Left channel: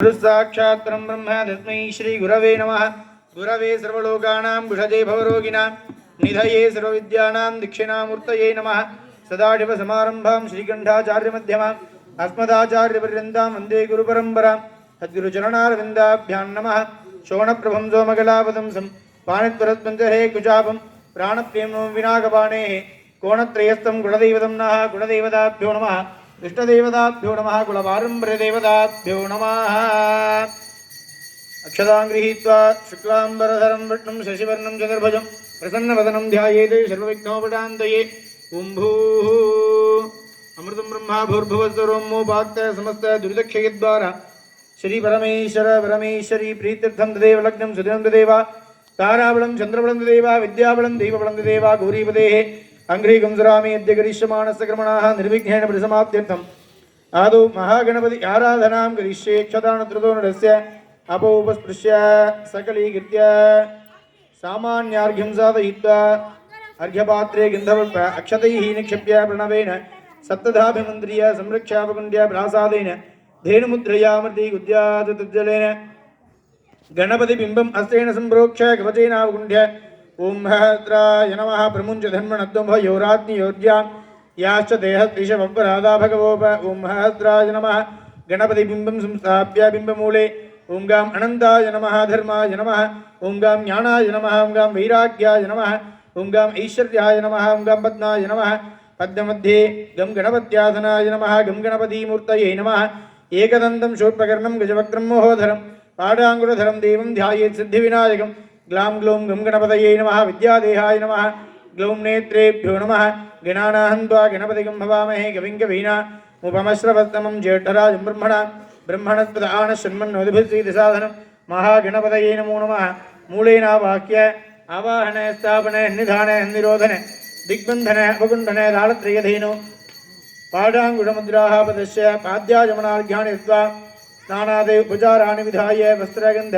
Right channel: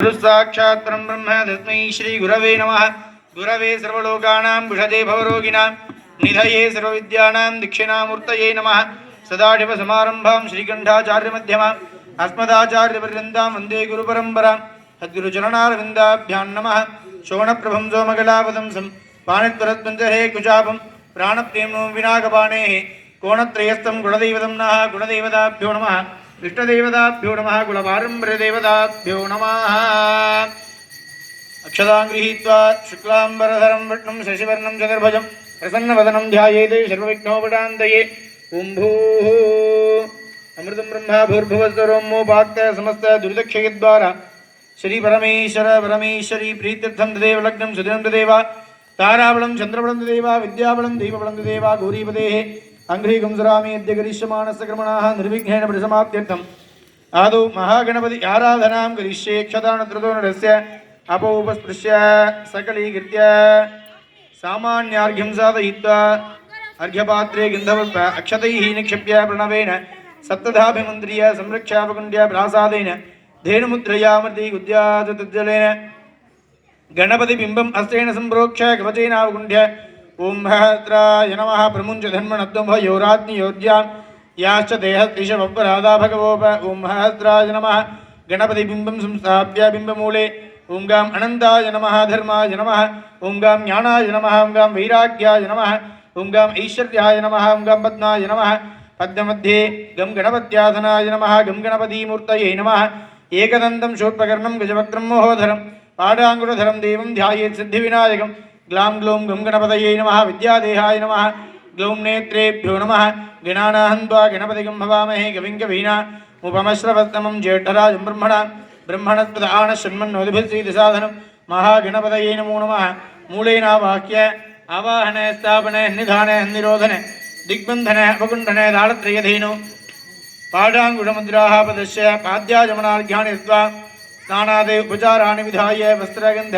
गुरुसाक्षात् परं ब्रह्म तस्मै श्री गुरवे नमः। गुरवे सर्वलोकानां विषजे भवरोगिणां निधये सर्वविद्यानां दक्षिणामूर्तये नमः। सदाशिवसमारम्भां श्रीकण्ठाचार्यमध्यमाम् अस्मदाचार्यपर्यन्तां वन्दे गुरुपरम्परां। सद्गुरुचरणारविन्दाभ्यां नमः। शोणप्रभं सोमकलापदंसं पाणित्वरत्पञ्चहे कुचापं प्राणप्रेम्णो विनाकपाणेः कोणत्रयस्थं गुणदैवतं नः। गुणदैवताभ्यो नमः। इष्टदेवताभ्यो नमः। कुलपारम्पर्यदेवताभ्यो नमः। अक्षतां गृहीत्वा शुक्लाम्बरधरं विष्णुं शशिवर्णं चतुर्भुजं प्रसन्नवदनं ध्यायेत् सर्वविघ्नोपशान्तये। ॐ भूः अमृतं ब्रह्मा भूर्भुवस्वरोमोपाक्त समस्त दुर्दक्षयद्वारा श्री परमेश्वर परमेश्वरी प्रीत्यर्थं तदेव लग्नं सुदिनं तदेव ताराबलं चन्द्रबलं तदेव विद्याबलं दैवबलं तदेव गौरीपदेः अंघ्रीकं सुरामि अद्य करिष्यमाणस्य क्रमणाः निर्विघ्नेन परिसमाप्त्यर्थम् आदौ महागणपति आराधनां करिष्ये। क्षतानत्रतो नरस्य अपोपस्पृश्य सकलीकृत्य सामान्यार्घ्यं साधयित्वा अर्घ्यपात्रे गन्धपुष्प अक्षतैः निक्षिप्य प्रणवेन सप्तधाभिमन्त्र्य संरक्षापकुण्ड्य प्रासादेन धेनुमुद्रया मर्दीगुद्यात् तज्जलेन गणपतिबिम्बम् अस्तेन सम्प्रोक्ष्य कवचेनावकुण्ड्य ओं महद्राय नमः। प्रमुञ्च धन्मनद्वयोराज्ञयोर्यां याश्च देहस्तिशवराधा भगवोप ओं महद्राय नमः। गणपतिबिम्बं संस्थाप्य बिम्बमूले ओं गां अनन्ताय नमः। धर्माय नमः ओं गां ज्ञानाय नमः। ओं गां वैराग्याय नमः। ओं गां ऐश्वर्याय नमः। ओं गां पद्माय नमः। पद्ममध्ये गं गणपत्यासनाय नमः। गं गणपतिमूर्तये नमः। एकदन्तं शूर्पकर्णं गजवक्त्रं महोधरं पाडाङ्गुरधरं देवं ध्यायेत् सिद्धिविनायकं ग्लां ग्लौं गं गणपतये नमः। विद्यादेहाय नमः। ग्लौं नेत्रेभ्यो नमः। गणानाहन्त्वा गणपतिगं भवामहे कविं कवीनामुपमश्रवस्तमं ज्येष्ठराजं ब्रह्मणस्पद आनशन्मन्नोदिभिस्त्रीतिसाधनं महागणपतये नमो नमः। मूलेनावाक्य आवाहन स्थापन निधान निरोधन दिग्बन्धन अपकुण्डन दाळत्रयधेनु पाडाङ्गुढमुद्राः पदस्य पाद्याजमनार्घ्यानि दत्त्वा स्नानादे उपचाराणि विधाय वस्त्रगन्ध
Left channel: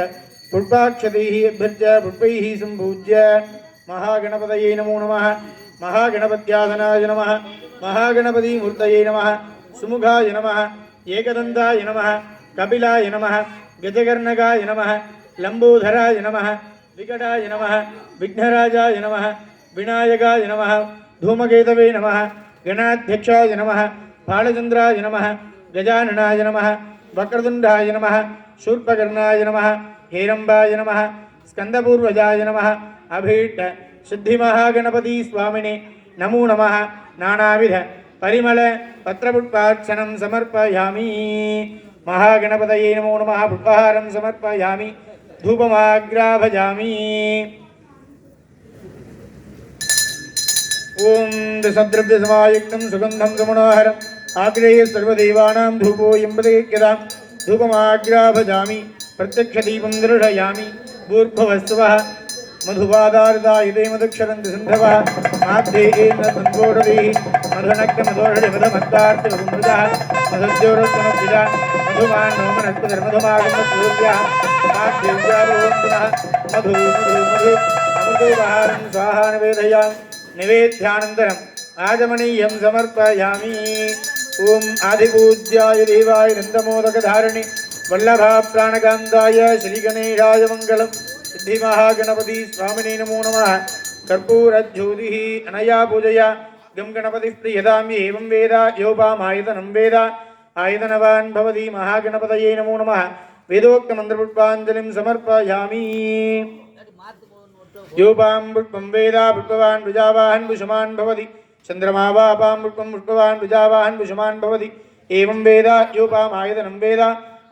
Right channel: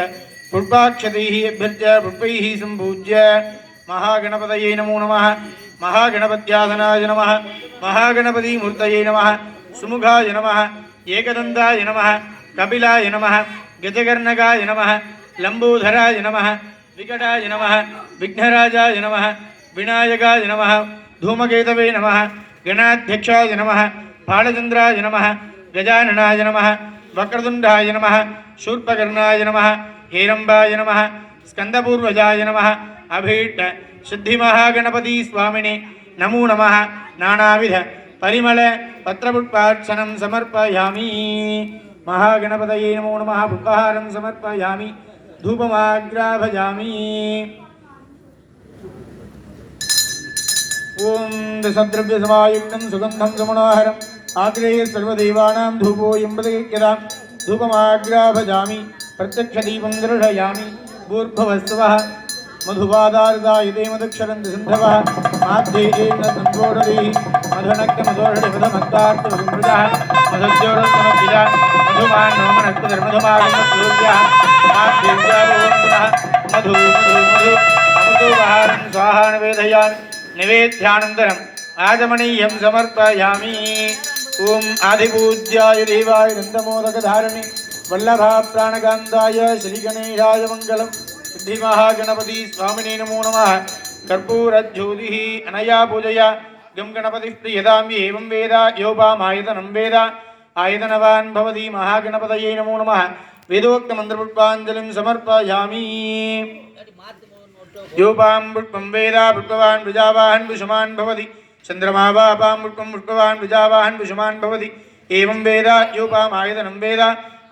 पुष्पाक्षतैः अभ्यर्च्य पुष्पैः सम्पूज्य महागणपतये नमो नमः। महागणपत्यासनाय नमः। महागणपतिमूर्तये नमः। सुमुखाय नमः। एकदन्ताय नमः। कपिलाय नमः। गजकर्णकाय नमः। लम्बोधराय नमः। विकटाय नमः। विघ्नराजाय नमः। विनायकाय नमः। धूमकेतवे नमः। गणाध्यक्षाय नमः। बालचन्द्राय नमः। गजाननाय नमः। वक्रतुण्डाय नमः। शूर्पकर्णाय नमः। हेरम्बाय नमः। स्कन्दपूर्वजाय नमः। अभीष्ट सिद्धिमहागणपति स्वामिने नमो नमः। नानाविध परिमल पत्रपुष्पार्चनं समर्पयामि। महागणपतये नमो नमः। पुष्पहारं समर्पयामि। धूपमाग्राभयामि। ओं दशद्रव्यसमायुक्तं सुगन्धं सुमनोहरम् आग्रेय सर्वदेवानां धूपोऽयं प्रदीप्यतां धूपमाग्राभजामि। प्रत्यक्षदीपं दर्शयामि। भूर्भुवस्सुवः मधुवादारदायुते मधुक्षरन्ति सिन्धवः माध्येन सम्पोषधीः मधुनक्तमधोषधिमधुमत्तार्थमधुमृतः मधुद्योरस्तमद्विजा मधुमान्नोमनस्पतिर्मधुमागमसूर्यः माध्येव्यारोहन्तुनः मधु मधु मधु अमृतोपहारं स्वाहा निवेदयामि। निवेद्यानन्तरम् आचमनीयं समर्पयामि। ओं आदिपूज्याय देवाय नन्दमोदकधारिणि वल्लभा प्राणकान्ताय श्रीगणेशाय मङ्गलम्। सिद्धिमहागणपति स्वामिने नमो नमः। कर्पूरज्योतिः अनया पूजया गं गणपतिः प्रीयतां एवं वेद योपामायतनं वेद आयतनवान् भवति। महागणपतये नमो नमः। वेदोक्तमन्त्रपुष्पाञ्जलिं समर्पयामि। योपां पुष्पं वेद पुष्पवान् प्रजावाहन् पुष्पमान् भवति। चन्द्रमा वापां पुष्पं पुष्पवान् प्रजावाहन् पुष्पमान् भवति। एवं वेद योपामायतनं वेद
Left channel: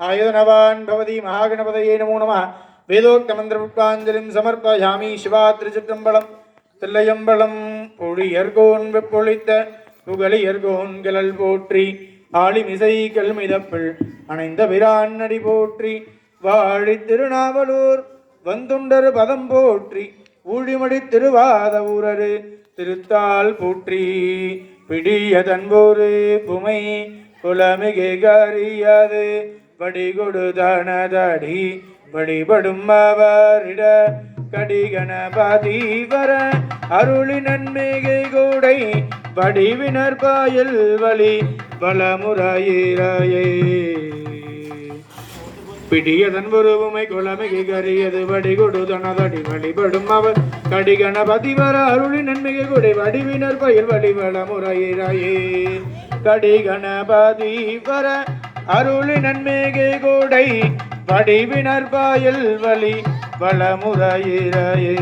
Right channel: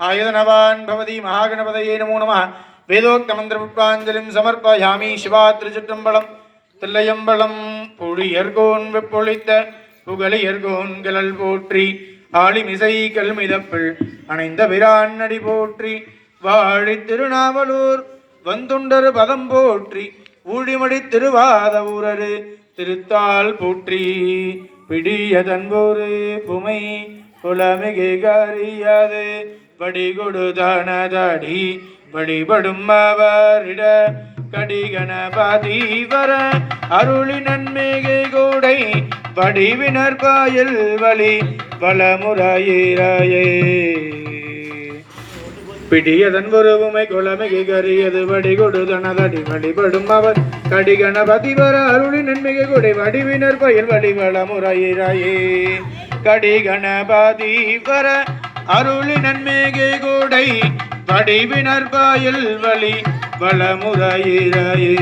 आयतनवान् भवति। महागणपतये नमो नमः। वेदोक्तमन्त्रपुष्पाञ्जलिं समर्पयामि। शिवात्रिचित्रம்பலம் தில்லையம்பலம் பொழியர்கோன் வெப்பொழித்த புகழியர்கோன் கலல் போற்றி ஆளிமிசை கல்மிதப்பிள் அணைந்த பிரான் அடி போற்றி வாழி திருநாவலூர் வந்துண்டர் பதம் போற்றி ஊழிமடி திருவாத ஊரரு திருத்தாள் போற்றி பிடிய தன்போரு புமை குலமிகு கரியாது வடிகொடு தனதடி வழிபடும் அவரிட கடிகணபதி வர அருளி நன்மிகை கூடை வடிவினர் காயல் வழி வளமுறையே பிடியதன் உருவுமை குளமிகை கரியது வடிகொடு தனதடி வழிபடும் அவர் கடி கணபதி வர அருளி நன்மிகை கொடை வடிவினர் பயில் வழிவள முறையிறையே கடி கணபதி வர அருளி நன்மிகை கொடை வடிவினர் பயில் வழி வளமுறையிறையே.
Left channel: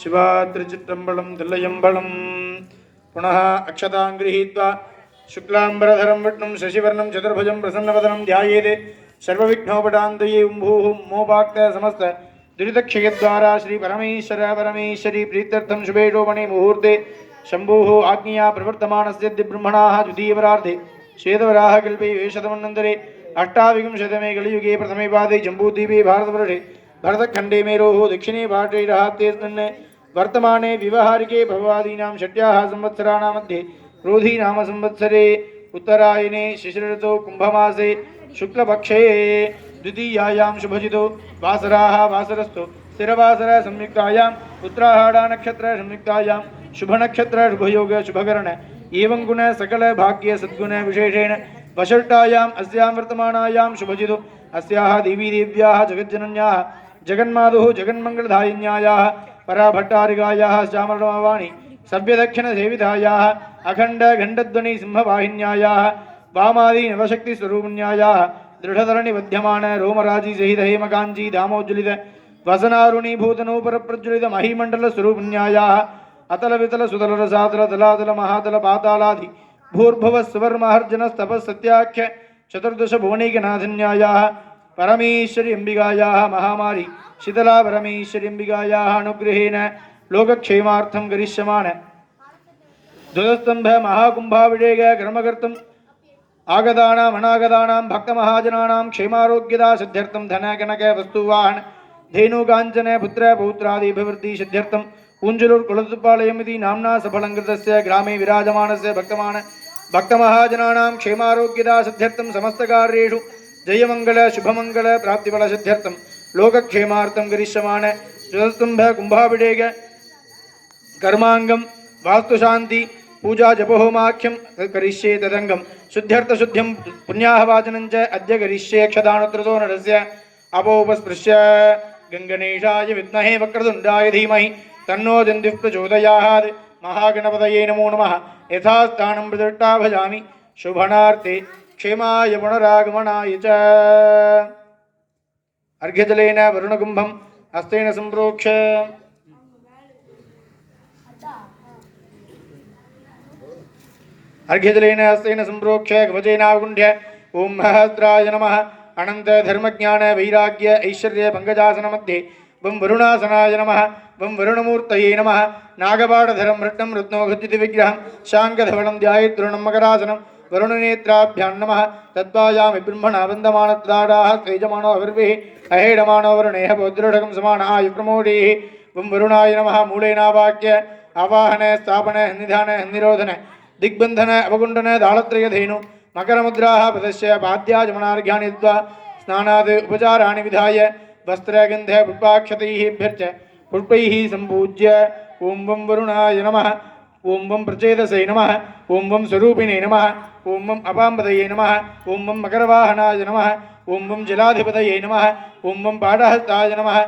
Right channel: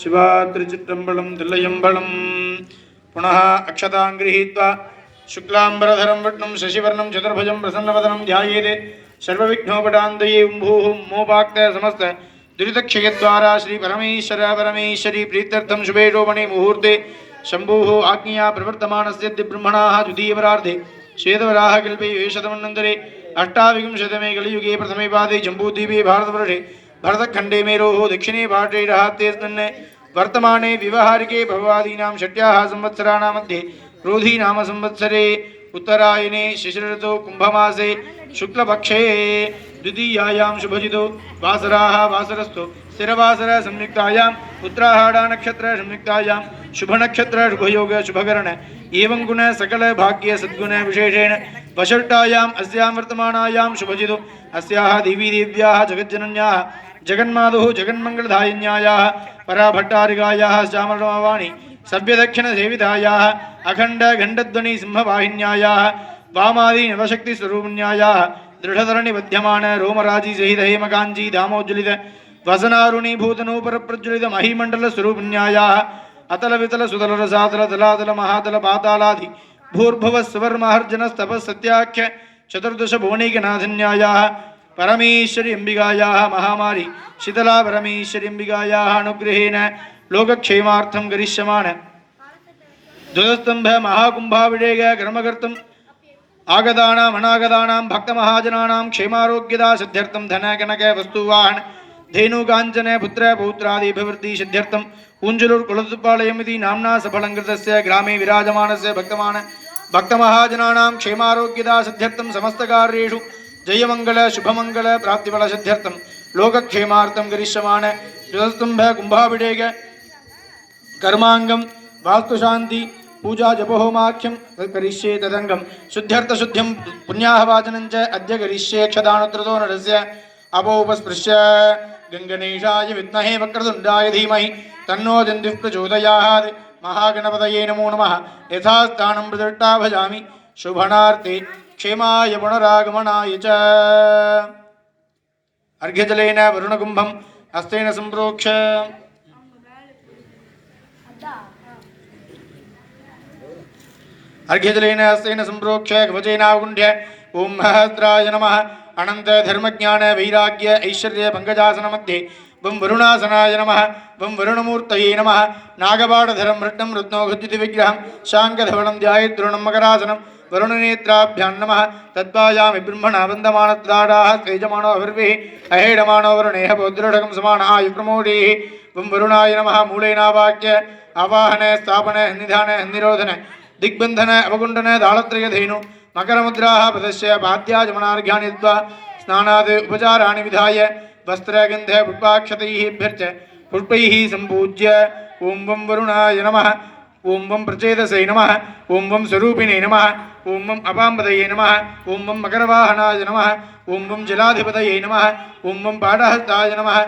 சிவா திருச்சிற்றம்பலம் தில்லையம்பலம். புனः அக்ஷதாं गृहीत्वा शुक्लांबरधरं विष्णुं शशिवर्णं चतुर्भुजं प्रसन्नवदनं ध्यायेत् सर्वविघ्नोपशान्तये भूः मोपाक्त समस्त दुरितक्षयद्वारा श्री परमेश्वर परमेश्वरी प्रीत्यर्थं शुभे शोभने मुहूर्ते शम्भोः आज्ञया प्रवर्तमानस्य ब्रह्मणाः द्वितीयवरार्धे श्वेतवराहकल्पे वेशतमन्वन्तरे अष्टाविंशतमे कलियुगे प्रथमे पादे जम्बूद्वीपे भारतवर्षे भरतखण्डे मेरोः दक्षिणे पार्श्वे रहत्येऽस्मिन् वर्तमाने व्यवहारिके भवादीनां षट्याः संवत्सराणां मध्ये क्रोधी नाम संवत्सरे उत्तरायणे शिशिरऋतौ कुम्भमासे शुक्लपक्षे द्वितीयायां शुभजितो वासराः वासरस्थो स्थिरवासर संयुक्तायां उत्तराहाड नक्षत्र संयुक्तायां शुभनक्षत्र शुभयोग शुभकरण एवं गुण सकल भाग्य सद्गुण विशेषेण वषट्टायाम् अस्यां वर्तमानायां शुभजितो अस्याः देवी देव्याः जगज्जनन्याः जगन्मातुः जगन्मङ्गलदायिन्यायाः पराभट्टारिकायाः श्यामलवाणी सभ्यदक्षिणसेवितायाः अखण्ड घण्टध्वनि सिंहवाहिन्यायाः वामादि नवशक्तिस्वरूपिण्यायाः दृढधरणि बध्यमान रोमराजी सहित हेमकाञ्ची दामोज्ज्वलित वसनारुणीभूतनूपरप्रज्वलित महीमण्डलस्वरूपिण्यायाः अतल वितल सुतल रसातल तलातल महातल पातालादि भूर्भुवः सुवर्महर्जनस्तपः सत्याख्य चतुर्दश भुवनैकनाथिन्यायाः परमेश्वरी अंबिकायाः महामारी शीतला परमेश्वरी अंबिकायाः अनुग्रहेण लोकक्षेमार्थं करिष्यमाण ध्वजस्तंभ महाकुंभाभिषेक कर्मकर्तुम् आगतानाम् अनागतानां भक्तमहाजनानां क्षेमारोग्यदा सिद्ध्यर्थं धन कनक वस्तुवाहन धेनुकाञ्चन पुत्र पौत्रादिभिवृद्धि सिद्ध्यर्थं ऊञ्जलुर्कुलतुपालयमिति नाम्ना सफलङ्कृतस्य ग्रामे विराजमानस्य भक्तमहाजनानां क्षेमारोग्यदा सिद्ध्यर्थं समस्तकार्येषु जयमंगल शुभमंगल प्राप्तिफल सिद्ध्यर्थं लोकक्षेमार्थं करिष्यमाण ध्वजस्तंभ कुंभाभिषेक कर्मांगम वास्तुशांति पूजा जपहोमाख्यम करिष्ये तदंगम शुद्ध्यर्थ शुद्ध्यम पुण्याहवाचनं च अद्य करिष्ये क्षदानुत्रतो नरस्य अपोपस्पृश्य गंगणेशाय विद्महे वक्रतुण्डाय धीमहि तन्नो दन्तिः प्रचोदयात् महागणपतये नमो नमः यथास्थानं प्रदृष्टा भजामि शुभनार्थे क्षेमाय पुनरागमनाय च अर्घ्यजलेन वरुणकुम्भं हस्तेन सम्प्रोक्ष्य अर्घ्यजलेन हस्तेन सम्प्रोक्ष्य कवचेनावगुण्ह्य ओं सहस्राय नमः अनंत धर्मज्ञान वैराग्य ऐश्वर्य पंकजासन मध्ये वं वरुणासनाय नमः वं वरुणमूर्तये नमः नागपाठधरं रत्नं रत्नोघुज्जित विग्रहं शाङ्खधवलं ध्यायेद्रोणं मकरासनं वरुणनेत्राभ्यां नमः तत्त्वायामि ब्रह्मणा वन्दमानत्दाडाः तेजमानो अवर्भिः अहेडमानो वरुणेह पौद्रोढकं समानाय प्रमोदेः वं वरुणाय नमः मूलेनावाक्य आवाहन स्थापन निधान निरोधन दिग्बंधन अवगुण्डन दाळत्रयधेनु मकरमुद्राः पदस्य पाद्याजमनार्घ्यानि दत्त्वा स्नानात् उपचाराणि विधाय वस्त्रगन्ध पुष्पाक्षतैः पुष्पैः सम्पूज्य ओं वं वरुणाय नमः ओं वं प्रचेतसे नमः ओं वं स्वरूपिणे नमः ओं वं अपाम्बदये नमः ओं वं मकरवाहनाय नमः ओं वं जलाधिपतये नमः ओं वं पाठहस्ताय नमः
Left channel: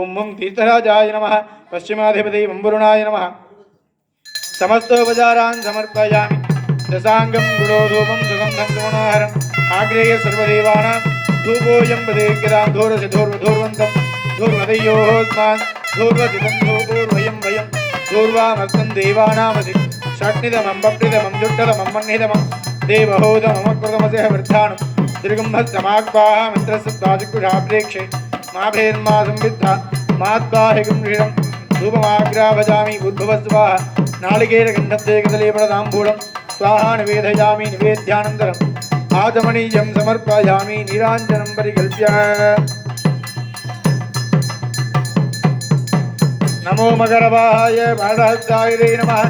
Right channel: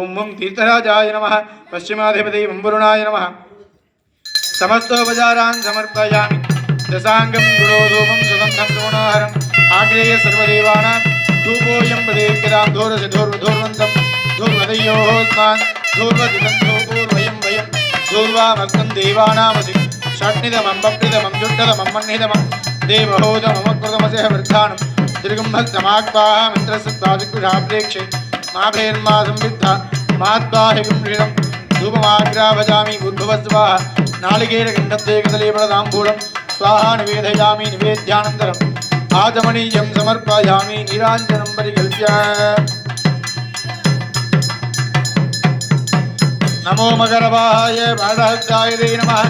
ओं वं तीर्थराजाय नमः पश्चिमाधिपतये वं वरुणाय नमः समस्तोपचारान् समर्पयामि दशांगं गुरोधूपं सुगन्धं सोणाहरम् आग्रेय सर्वदेवानां धूपोऽयं प्रदीप्यतां धूरसि धूर्वधूर्वन्तं धूर्वदयोस्मान् धूर्वदितं धूपूर्वयं वयं धूर्वामर्तं देवानामसि षट्निदमं बप्निदमं जुट्टदमं मन्निदमं देवहोदममकृतमसह वृद्धानं दीर्घंहस्तमाग्वाः मित्रसत्पादिकुशाप्रेक्षे माभेर्मा संविद्धा माद्वाहिगुं ऋणं धूपमाग्राभजामि उद्भवस्वाः नालिकेरगण्डत्ते कदलीफलताम्बूलं स्वाहा निवेदयामि निवेद्यानन्तरम् आचमनीयं समर्पयामि नीराञ्जनं परिकल्प्य नमो मकरवाहाय बाढहस्ताय नमः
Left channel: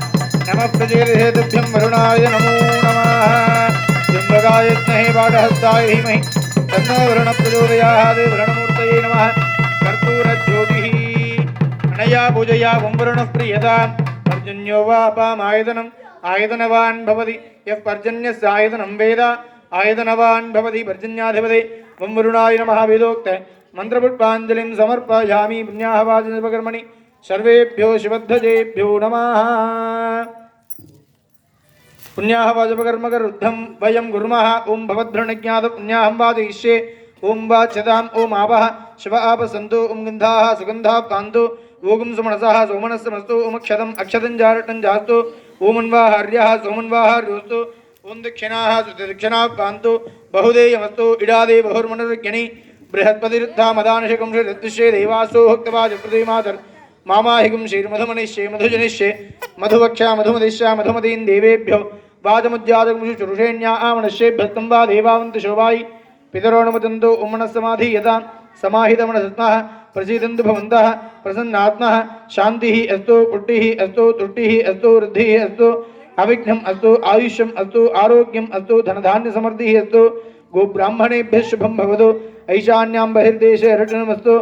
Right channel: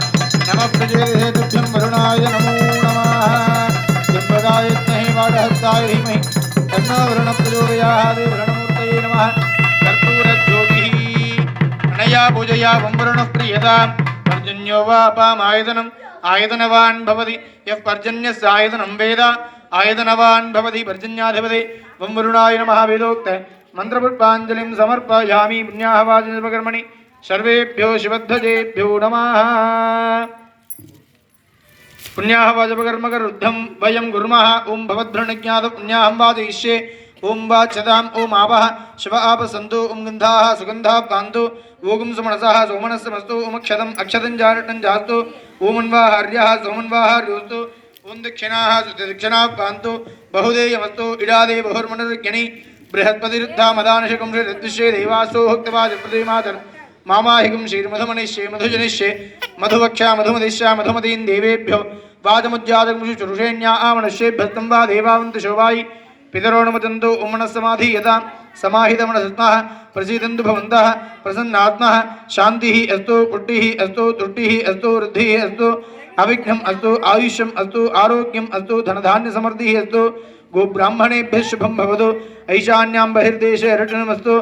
नमः प्रचेतसेतुभ्यं वरुणाय नमो नमः जम्बकाय विद्महे बाढहस्ताय धीमहि तन्नो वरुणः प्रचोदयात् वरुणमूर्तये नमः कर्पूरज्योतिः अनया पूजया वं वरुणः प्रीयताम् पर्जन्यो वापामायतनम् आयतनवान् भवति यः पर्जन्यस्य आयतनं वेद आयतनवान् भवति पर्जन्याधिपते वं वरुणाय नमः वेदोक्त मन्त्रपुष्पाञ्जलिं समर्पयामि पुण्याहवाचनोपकर्मणि सर्वेभ्यो शिवध्वजेभ्यो नमः पुण्याहवाचोपकर्मकरुद्धं वयं कुर्मः ओं भवद्भृणज्ञात पुण्याहं वादयिष्ये ओं वाच्यताम् ओं आवः शिव आपसन्तु ओं गन्धाः सुगन्धाः कान्तु ओं सुमनसः सोमनस्समस्तु ओं क्षतम् अक्षतं जारटं जास्तु ओमन्वाः हर्यः सोमन्वाः हर्योस्तु ओं दक्षिणाः दक्षिणाः कान्तु बहुदेयमस्तु इडादे बहुर्मनुर्ज्ञनि बृहस्पतिरुद्धा मदानशकं श्रीदृश्ये देवासो भक्तवाजप्रतिमातर् मामाहिकं श्रीर्मधुमनिष्ये मधुजनिष्ये मधुवक्षा मधुमदिश्या मधुमतीं देवेभ्यो वाजमुज्जातकुशुरुषेण्या आमनश्येभ्यस्तं वा देवावन्तु शोभायि पितरोणुमतन्तु उमनस्समाधि यदा समाहितमनसत्मः प्रसीदन्तु भवन्तः प्रसन्नात्मः शान्तिः अस्तु पुष्टिः अस्तु तुष्टिः अस्तु वृद्धिः अस्तु अविघ्नम् अस्तु आयुष्यम् अस्तु आरोग्यम् अस्तु धनधान्यसमृद्धिः अस्तु गोब्राह्मणेभ्यः शुभं भवतु ऐशान्यां बहिर्देशे रटनमस्तु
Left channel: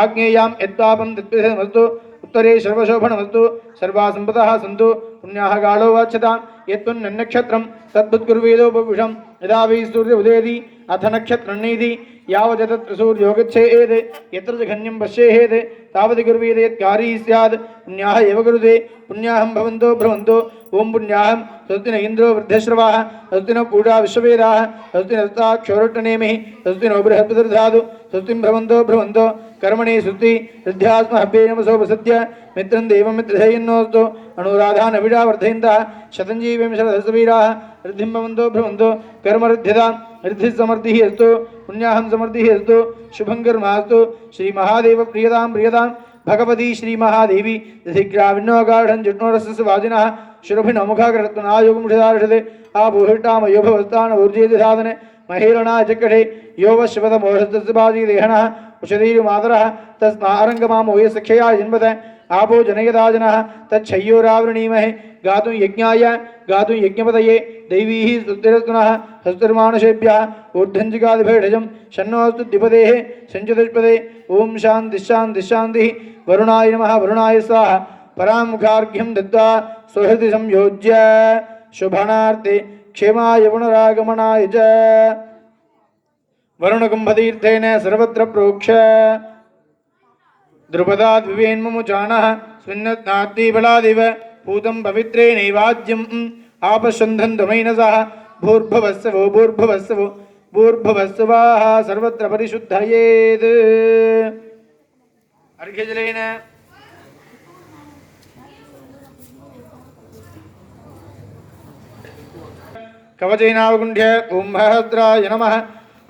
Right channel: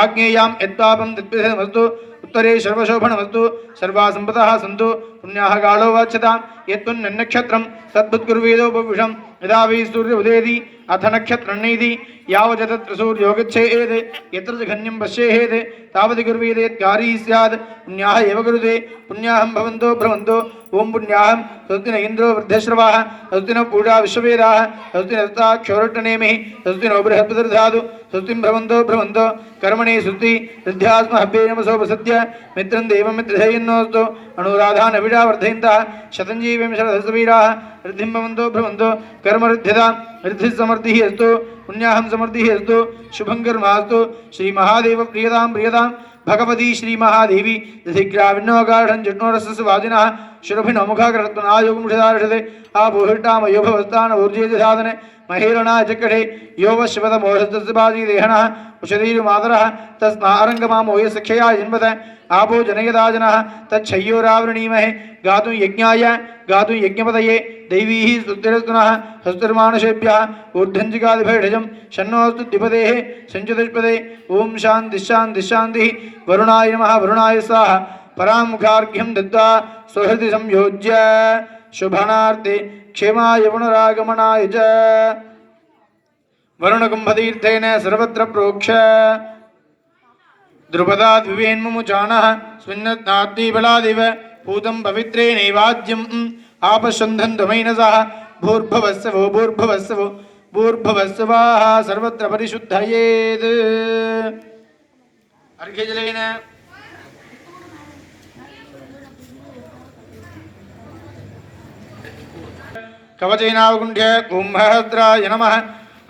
आग्नेयां यत्पापं तत्पिधमस्तु उत्तरे सर्वशोभनमस्तु सर्वा सम्पदः सन्तु पुण्याः कालो वाच्यतां यत्पुण्यनक्षत्रं तद्बुद्गुर्वेदोपविषं यदा वै सूर्य उदेति अथ नक्षत्रन्नैति यावत् सूर्यो गच्छेत् यत्र जघन्यं पश्येत् तावत् गुर्वेद यत्कारी स्यात् पुण्याः एव गुरुते पुण्याहं भवन्तो भ्रमन्तो ओं पुण्याहं स्वस्ति न इन्द्रो वृद्धश्रवाः स्वस्ति न पूजा विश्ववेदाः स्वस्ति नस्ता क्षौरट्टनेमिः स्वस्ति नो बृहस्पतिर्धातु स्वस्तिं भ्रमन्तो भ्रमन्तो कर्मणि सुस्ति सिद्ध्यास्महभ्ये नमसो प्रसद्य मित्रं देवं मित्रधेयन्नोऽस्तु अनुराधान् अविडा वर्धयन्तः शतञ्जीवं शरदसवीराः वृद्धिं भवन्तो भ्रमन्तो कर्मऋद्ध्यतां वृद्धिः समृद्धिः अस्तु पुण्याहं समृद्धिः अस्तु शुभं कर्मास्तु श्रीमहादेव प्रियतां प्रियतां भगवती श्रीमहादेवी दधिग्राविण्णोगाढं जुट्नोरसस्वादिनः शुरभिनो मुखाकृत्वनायोगमुषिदार्षते आबोहिष्टामयो भवस्तान ऊर्जेजसाधन महेरणा चक्रे यो वशिवतमोहस्तस्बाजीदेहनः उषदीरुमातरः तस्मारङ्गमामोय सख्यया जन्मत आपो जनयदाजनः तच्छय्योरावृणीमहे गातुं यज्ञाय गातुं यज्ञपतये दैवीः स्तुतिरस्तुनः हस्तुर्मानुषेभ्यः ऊर्ध्वञ्जिकादिभैढजं शन्नोऽस्तु द्विपदेः सञ्चतुष्पदे ॐ शान्तिः वरुणाय नमः वरुणाय स्वाहा परामुखार्घ्यं दत्त्वा सुहृदि संयोज्य शुभनार्थे क्षेमाय पुनरागमनाय च वरुणकुम्भतीर्थेन सर्वत्र प्रोक्ष द्रुपदाद् विवेन्मुमुचानः स्विन्नत्नाद्दीबलादिव पूतं पवित्रेणैवाद्यम् आपशन्धन्तमैनसः भूर्भुवस्सवो भूर्भुवस्सवो भूर्भुवस्सवाः सर्वत्र परिशुद्धयेत् अर्घ्यजलेन कवचेनावगुण्ठ्य ओं महद्राय नमः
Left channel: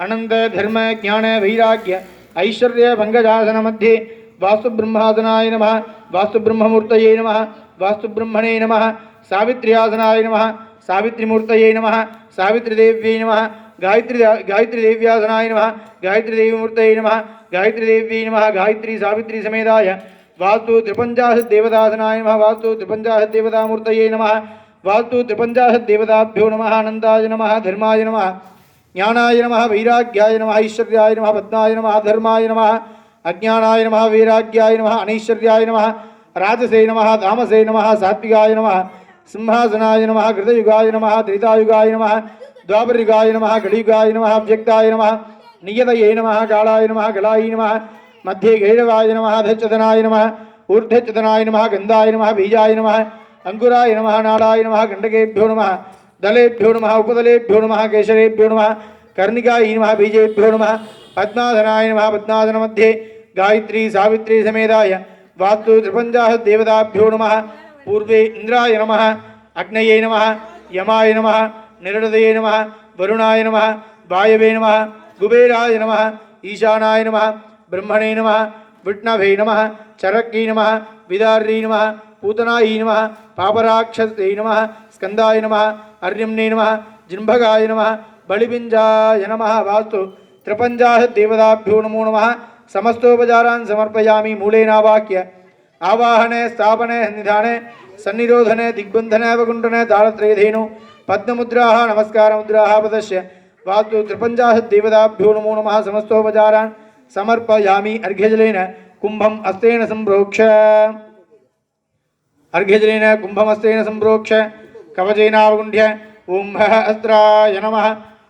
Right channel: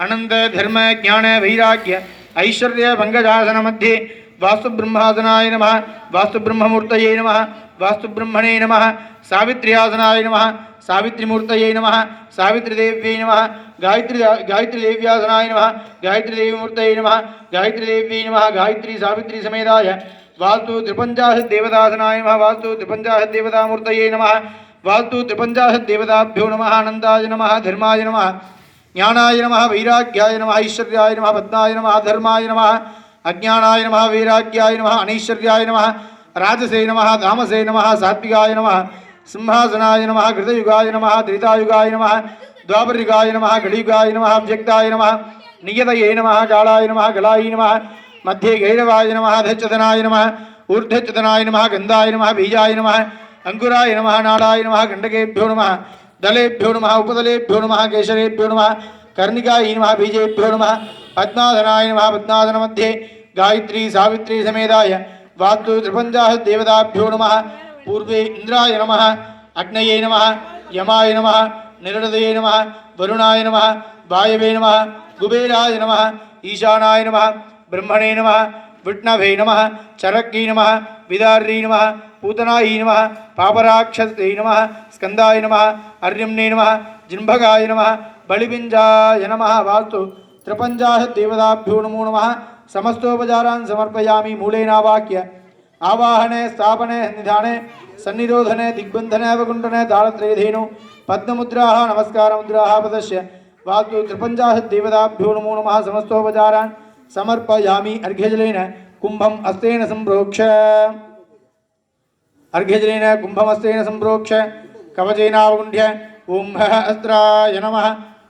अनंत धर्म ज्ञान वैराग्य ऐश्वर्य भंगजासन मध्ये वास्तुब्रह्मासनाय नमः वास्तुब्रह्ममूर्तये नमः वास्तुब्रह्मणे नमः सावित्र्यासनाय नमः सावित्रीमूर्तये नमः सावित्रीदेव्यै नमः गायत्रीदेव्यासनाय नमः गायत्रीदेवीमूर्तये नमः गायत्रीदेव्यै नमः गायत्री सावित्री समेताय वास्तु त्रिपञ्चाशद्देवतासनाय नमः वास्तु त्रिपञ्चाशद्देवतामूर्तये नमः वास्तु त्रिपञ्चाशद्देवताभ्यो नमः आनन्दाय नमः धर्माय नमः ज्ञानाय नमः वैराग्याय नमः ऐश्वर्याय नमः पद्माय नमः धर्माय नमः अज्ञानाय नमः वैराग्याय नमः अनैश्वर्याय नमः राजसे नमः तामसे नमः सात्विकाय नमः सिंहासनाय नमः कृतयुगाय नमः त्रेतायुगाय नमः द्वापरयुगाय नमः कलियुगाय नमः अव्यक्ताय नमः नियतये नमः कालाय नमः कलाय नमः मध्ये गैरवाय नमः अधश्चतनाय नमः ऊर्ध्वचतनाय नमः गन्धाय नमः बीजाय नमः अंकुराय नमः नाडाय नमः गण्डकेभ्यो नमः दलेभ्यो नमः उपदलेभ्यो नमः केशरेभ्यो नमः कर्णिकाय नमः बीजेभ्यो नमः पद्मासनाय नमः पद्मासनमध्ये गायत्री सावित्री समेताय वास्तु त्रिपञ्चाशद्देवताभ्यो नमः पूर्वे इंद्राय नमः अग्नये नमः यमाय नमः निरदये नमः वरुणाय नमः वायवे नमः कुबेराय नमः ईशानाय नमः ब्रह्मणे नमः विष्णवे नमः चरक्यै नमः विदार्यै नमः पूतनाय नमः पापराक्षसे नमः स्कंदाय नमः अर्यम्ने नमः जिन्भगाय नमः बलिपिञ्जाय नमः वास्तु त्रिपञ्चाशद्देवताभ्यो नमो नमः समस्तोपचारान् समर्पयामि मूलेनावाक्य आवाहने स्थापने निधाने सन्निरोधने दिग्बन्धने अवकुण्ठने तालत्रयधेनु पद्ममुद्राः नमस्कारमुद्राः प्रदर्श्य वास्तु त्रिपञ्चाशद्देवताभ्यो नमो नमः समस्तोपचारान् समर्पयामि अर्घ्यजलेन कुम्भम् अस्तेन सम्प्रोक्ष अर्घ्यजलेन कुम्भमस्तेन सम्प्रोक्ष कवचेनावगुण्ठ्य ओं अस्त्राय नमः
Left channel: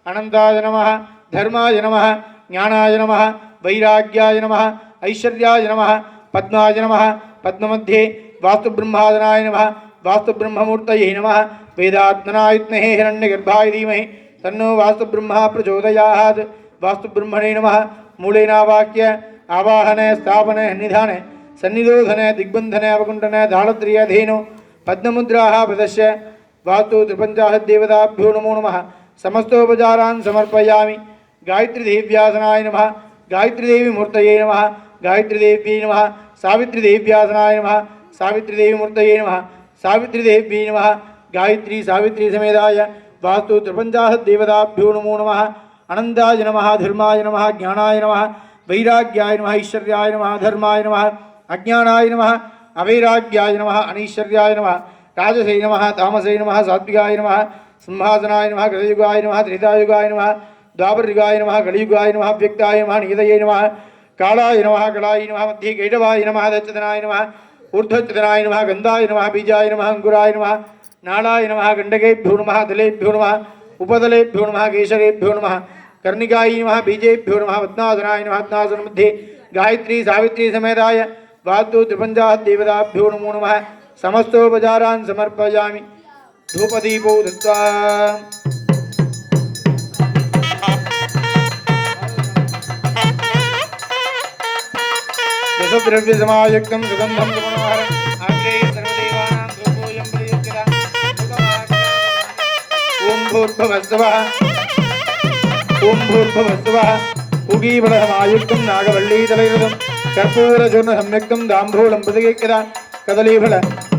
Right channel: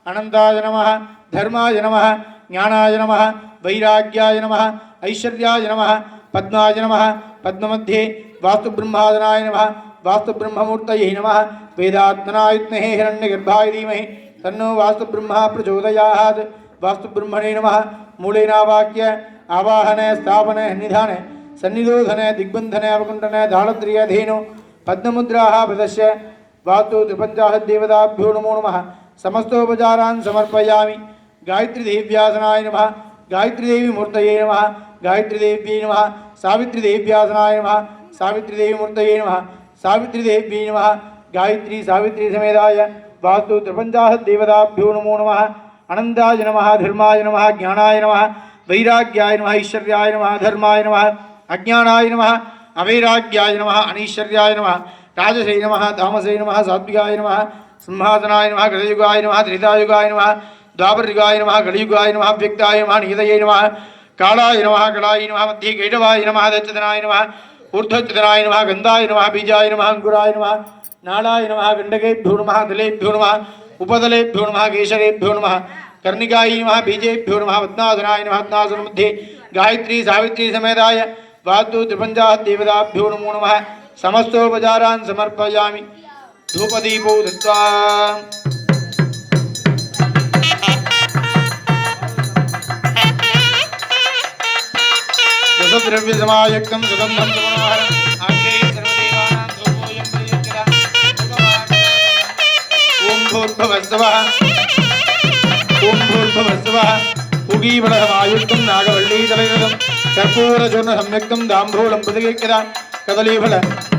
अनंताय नमः धर्माय नमः ज्ञानाय नमः वैराग्याय नमः ऐश्वर्याय नमः पद्माय नमः पद्ममध्ये वास्तुब्रह्मादनाय नमः वास्तुब्रह्ममूर्तये नमः वेदात्मनाय विद्महे हिरण्यगर्भाय धीमहि तन्नो वास्तुब्रह्मा प्रचोदयात् वास्तुब्रह्मणे नमः मूलेनावाक्य आवाहन स्थापन निधान सन्निरोधन दिग्बंधन अवकुंठन दाळत्र्यधेनु पद्ममुद्राः प्रदश्य वास्तु त्रिपञ्चाशद्देवताभ्यो नमो नमः समस्तोपचारान् समर्पयामि गायत्री देव्यासनाय नमः गायत्री देवी मूर्तये नमः गायत्री देव्यै नमः सावित्री देव्यासनाय नमः सावित्री देवी मूर्तये नमः सावित्री देव्यै नमः गायत्री सावित्री समेताय वास्तु त्रिपञ्चाशद्देवताभ्यो नमो नमः अनन्ताय नमः धर्माय नमः ज्ञानाय नमः वैराग्याय नमः ऐश्वर्याय नमः धर्माय नमः अज्ञानाय नमः अवैराग्याय नमः अनीश्वर्याय नमः राजसे नमः तामसे नमः सात्विकाय नमः सिंहासनाय नमः कृतयुगाय नमः त्रेतायुगाय नमः द्वापरयुगाय नमः कलियुगाय नमः व्यक्ताय नमः नियतये नमः कालाय नमः कलाय नमः मध्ये कैटवाय नमः दच्चतनाय नमः ऊर्ध्वच्चतनाय नमः गन्धाय नमः बीजाय नमः अंकुराय नमः नालाय नमः गण्डकेभ्यो नमः दलेभ्यो नमः उपदलेभ्यो नमः केशरेभ्यो नमः कर्णिकाय नमः बीजेभ्यो नमः पद्मासनाय नमः पद्मासन मध्ये गायत्री सावित्री समेताय वास्तु त्रिपञ्चाशद्देवताभ्यो नमो नमः समस्तोपचारान् समर्पयामि धूपदीपौ दत्त्वा दशद्रव्यसमायुक्तं सुगन्धं सुमनोहरम् आग्नेये सर्वदेवानां धूपोऽयं प्रयुज्यते ॐ भूर्भुवस्सुवः पूगीफलसमायुक्तं नागवल्लीतलयुतं कर्पूरचूर्णसंयुक्तं ताम्बूलं प्रतिगृह्यतां कदलीफल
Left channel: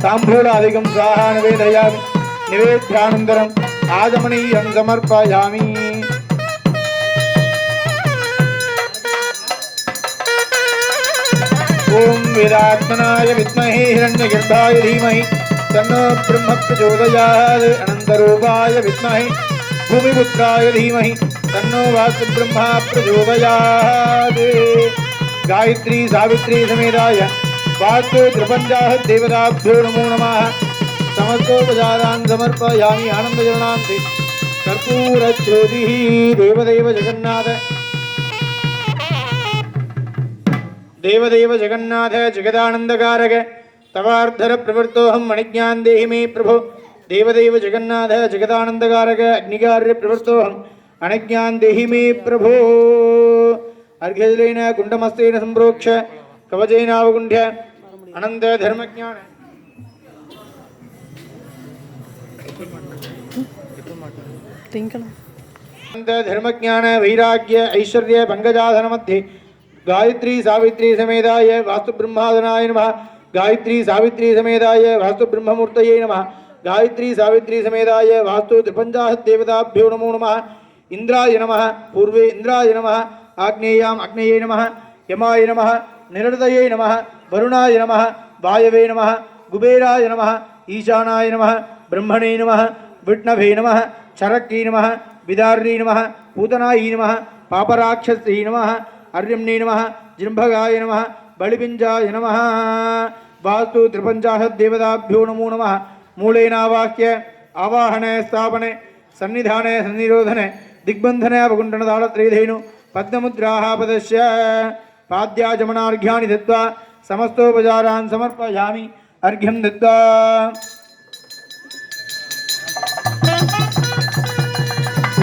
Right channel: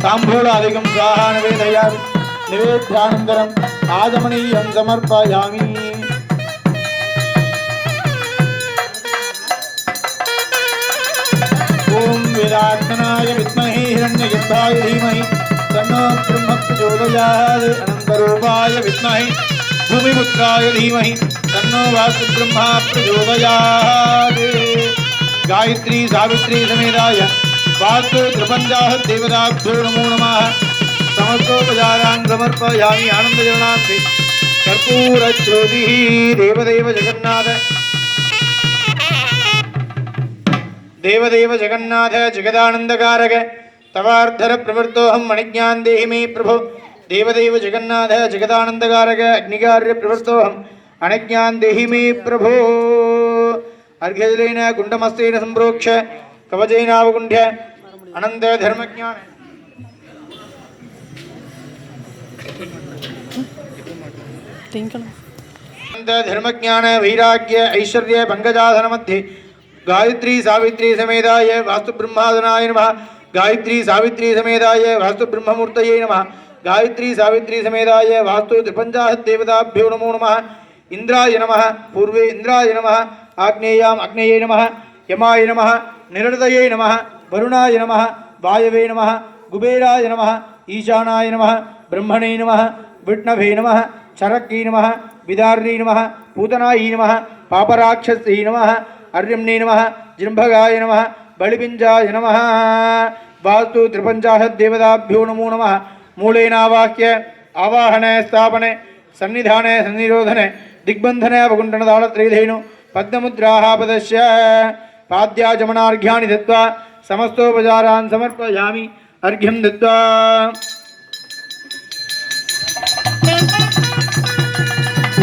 ताम्बूलादिकं स्वाहा निवेदयामि निवेद्यानन्तरम् आचमनीयं समर्पयामि ओम वेदात्मनाय विद्महे हिरण्यगर्भाय धीमहि तन्नो ब्रह्म प्रचोदयात् अनन्तरूपाय विद्महे भूमिपुत्राय धीमहि तन्नो वास्तुब्रह्मा प्रचोदयात् गायत्री सावित्री समेताय वास्तु त्रिपञ्चाशद्देवताभ्यो नमो नमः समस्तोपचारान् समर्पयामि आनन्दजनान्ते कर्पूरज्योतिः देवदेव जगन्नाथ देवदेव जगन्नाथ जगदानंदकारक तवार्धर प्रवृत्तोहम मणिज्ञान देहि मे प्रभो देवदेव जगन्नाथ जगदानंदकारक अग्निकार्य प्रवृत्तोहम अणिज्ञान देहि मे प्रभो अर्घ्यजलेन कुंडमस्तेन संप्रोक्ष कवचेनावगुण्ढ्य अनंत धर्मज्ञान अनंत धर्मज्ञान वैराग्य ऐश्वर्य पंकजासन मध्ये गायत्री सावित्री समेताय वास्तुब्रह्मादनाय नमः गायत्री सावित्री समेताय वास्तुब्रह्ममूर्तये नमः गायत्री सावित्री समेताय वास्तु त्रिपञ्चाशद्देवताभ्यो नमो नमः इंद्राय नमः पूर्वे इंद्राय नमः आग्नेयाम् अग्नेये नमः यमाय नमः निरृतये नमः वरुणाय नमः वायवे नमः कुबेराय नमः ईशानाय नमः ब्रह्मणे नमः विष्णवे नमः चरक्यै नमः विदार्यै नमः पूतनायै नमः पापराक्षस्यै नमः अर्यम्ने नमः जृम्भगाय नमः बलिपिञ्जाय नमः वास्तु त्रिपञ्चाशद्देवताभ्यो नमो नमः मूलेनावाक्य आवाहन स्थापन सन्निधान सन्निरोधन दिग्बन्धन अवकुण्ठन दाळत्र्यधेनु पद्ममुद्राः पदस्य पाद्याचमनार्घ्यानि दत्त्वा समस्तोपचारान् समर्पयामि अर्घ्यं दत्त्वा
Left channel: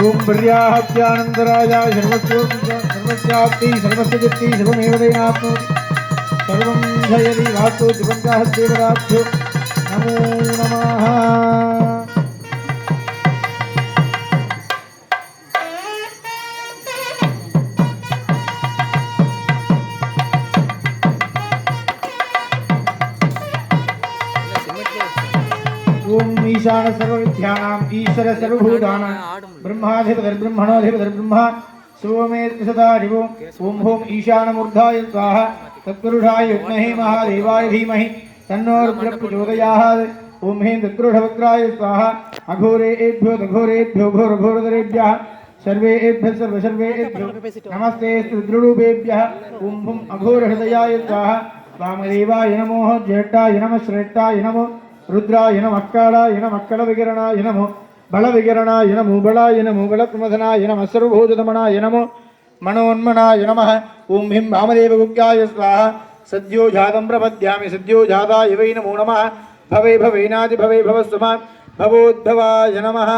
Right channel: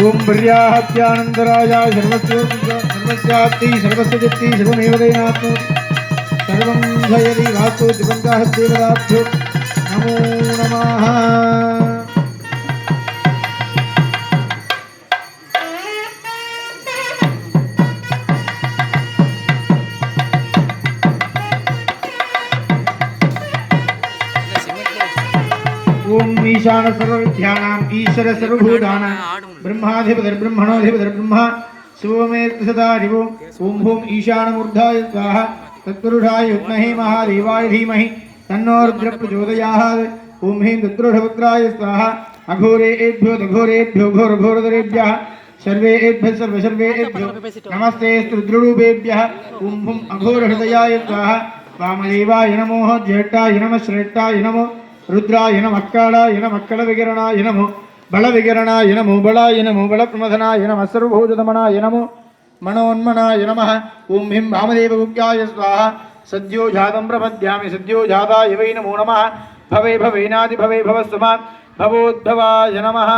ओम ब्रह्याहत्यानंतराया सर्वस्याप्ति सर्वस्यजित्ति सर्वमेव देनाप्नोति सर्वं जयति वास्तु त्रिपञ्चाशद्देवताभ्यो नमो नमः ओम ईशान सर्वविद्यानां ईश्वर सर्वभूतानां ब्रह्माधिपतिर्ब्रह्मणोऽधिपतिर्ब्रह्मा शिवमेत सदा दिवो ओम होम ईशानमूर्धाय स्वाहा तत्पुरुषाय विद्महे महादेवाय धीमहि तन्नो रुद्रः प्रचोदयात् ओम हें तत्पुरुषवक्त्राय स्वाहा अघोरेभ्यो दघोरेभ्यो घोरघोरधरेभ्यः सर्वेभ्यः सर्वसर्वेभ्यो नमस्ते रुद्ररूपेभ्यः ओम हुम अघोरहृदयाय स्वाहा वामदेवाय नमो ज्येष्ठाय नमः श्रेष्ठाय नमो रुद्राय नमः कालाय नमः कलविकिरणाय नमो बलविकरणाय नमो बलाय नमो बलप्रमथनाय नमः सर्वभूतदमनाय नमो मनोन्मनाय नमः ओं ह्रीं वामदेवगुप्ताय स्वाहा सद्यो जातं प्रपद्यामि सद्यो जाताय वै नमो नमः भवे भवेनादि भवे भवस्वमात् भवोद्भवाय नमः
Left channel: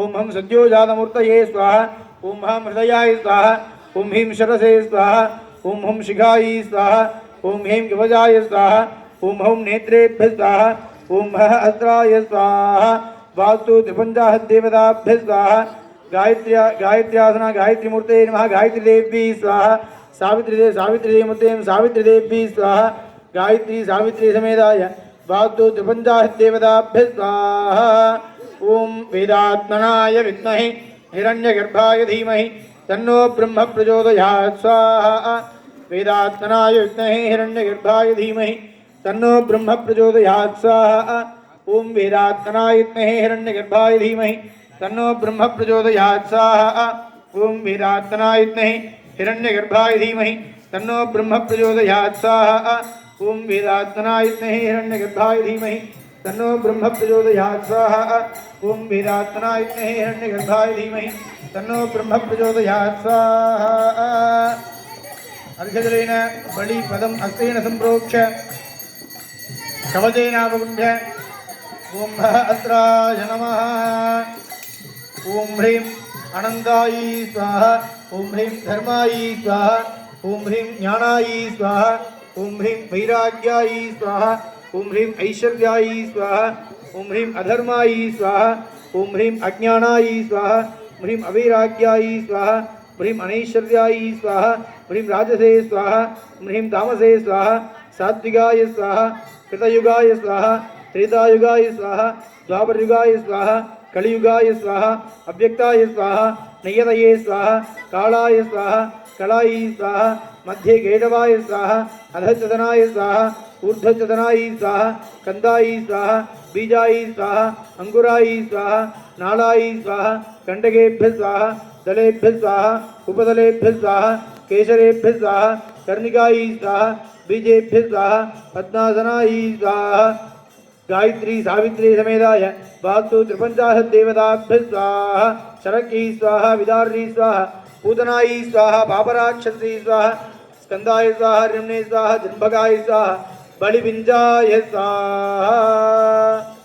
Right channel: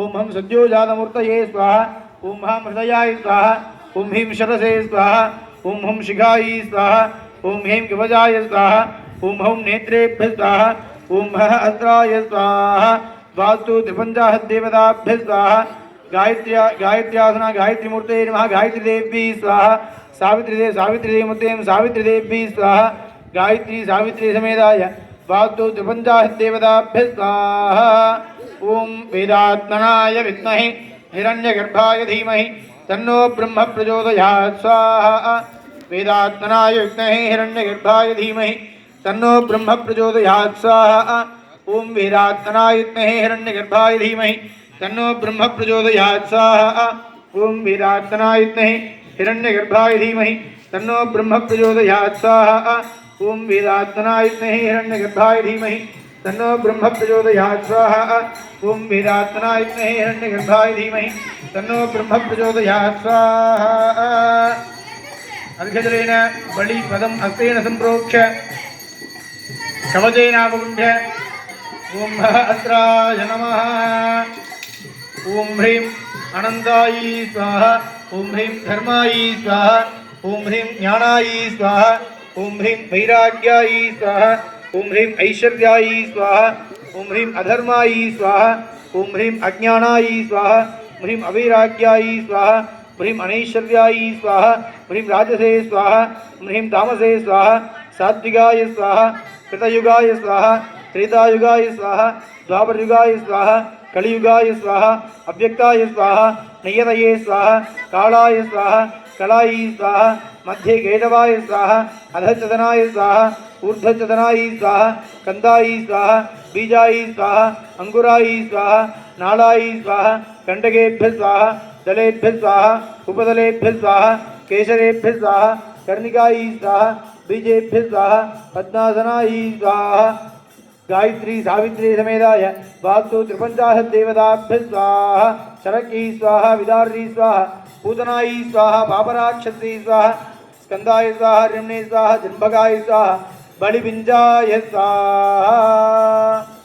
ओं हं सद्यो जातमूर्तये स्वाहा ओं हं हृदयाय स्वाहा ओं ह्रीं शरसे स्वाहा ओं हं शिखायै स्वाहा ओं ह्रीं कवचाय स्वाहा ओं हं नेत्रेभ्यः स्वाहा ओं हः अस्त्राय स्वाहा वास्तु त्रिपञ्चाहदेवताभ्यः स्वाहा गायत्र्यासना गायत्री मूर्ते नमः गायत्री देवी स्वाहा सावित्री मूर्ते सावित्री देवी स्वाहा गायत्री सावित्री समेताय वास्तु त्रिपञ्चाहदेवताभ्यः स्वाहा ओं वेदात्मनाय विद्महे हिरण्यगर्भाय धीमहि तन्नो ब्रह्म प्रचोदयात् स्वाहा वेदात्मनाय विद्महे हिरण्यगर्भाय धीमहि तन्नो ब्रह्म प्रचोदयात् स्वाहा ओं वेदात्मनाय विद्महे हिरण्यगर्भाय धीमहि तन्नो ब्रह्म प्रचोदयात् स्वाहा ओं वेदात्मनाय विद्महे हिरण्यगर्भाय धीमहि तन्नो ब्रह्म प्रचोदयात् स्वाहा ओं वेदात्मनाय विद्महे हिरण्यगर्भाय धीमहि तन्नो ब्रह्म प्रचोदयात् स्वाहा ओं वेदात्मनाय विद्महे हिरण्यगर्भाय धीमहि तन्नो ब्रह्म प्रचोदयात् स्वाहा अर्घजलेन बलिपदम् हस्तेन सम्प्रोक्ष्य कवचेनावगुण्ह्य ओं अस्त्राय नमः ओं ह्रीं अनन्तायै स्वाहा ओं ह्रीं धर्मायै स्वाहा ओं ह्रीं ज्ञानायै स्वाहा ओं ह्रीं वैराग्यायै स्वाहा ओं ह्रीं ऐश्वर्यायै स्वाहा ओं ह्रीं अधर्मायै स्वाहा ओं ह्रीं अज्ञानायै स्वाहा ह्रीं अवैराग्यायै स्वाहा ह्रीं अनैश्वर्यायै स्वाहा ह्रीं राजसे स्वाहा ह्रीं तामसे स्वाहा सात्विकाय स्वाहा कृतयुगाय स्वाहा त्रेतायुगाय स्वाहा द्वापरयुगाय स्वाहा कलियुगाय स्वाहा अव्यक्ताय स्वाहा नियतये स्वाहा कालाय स्वाहा कलाय स्वाहा मध्ये केशवाय स्वाहा अधचदनाय स्वाहा ऊर्ध्वचदनाय स्वाहा कंदाय स्वाहा बीजाय स्वाहा अंकुराय स्वाहा नालाय स्वाहा कंडकेभ्यः स्वाहा दलेभ्यः स्वाहा उपदलेभ्यः स्वाहा केशरेभ्यः स्वाहा कर्णिकाय स्वाहा बीजेभ्यः स्वाहा पद्मासनाय स्वाहा गायत्री सावित्री समेताय वास्तु त्रिपञ्चाशद्देवताभ्यः स्वाहा शरकी स्वाहा विदारी स्वाहा पूतनाय स्वाहा पापराक्षसी स्वाहा स्कंदाय स्वाहा रमणे स्वाहा जन्भगाय स्वाहा बलिपिञ्जाय स्वाहा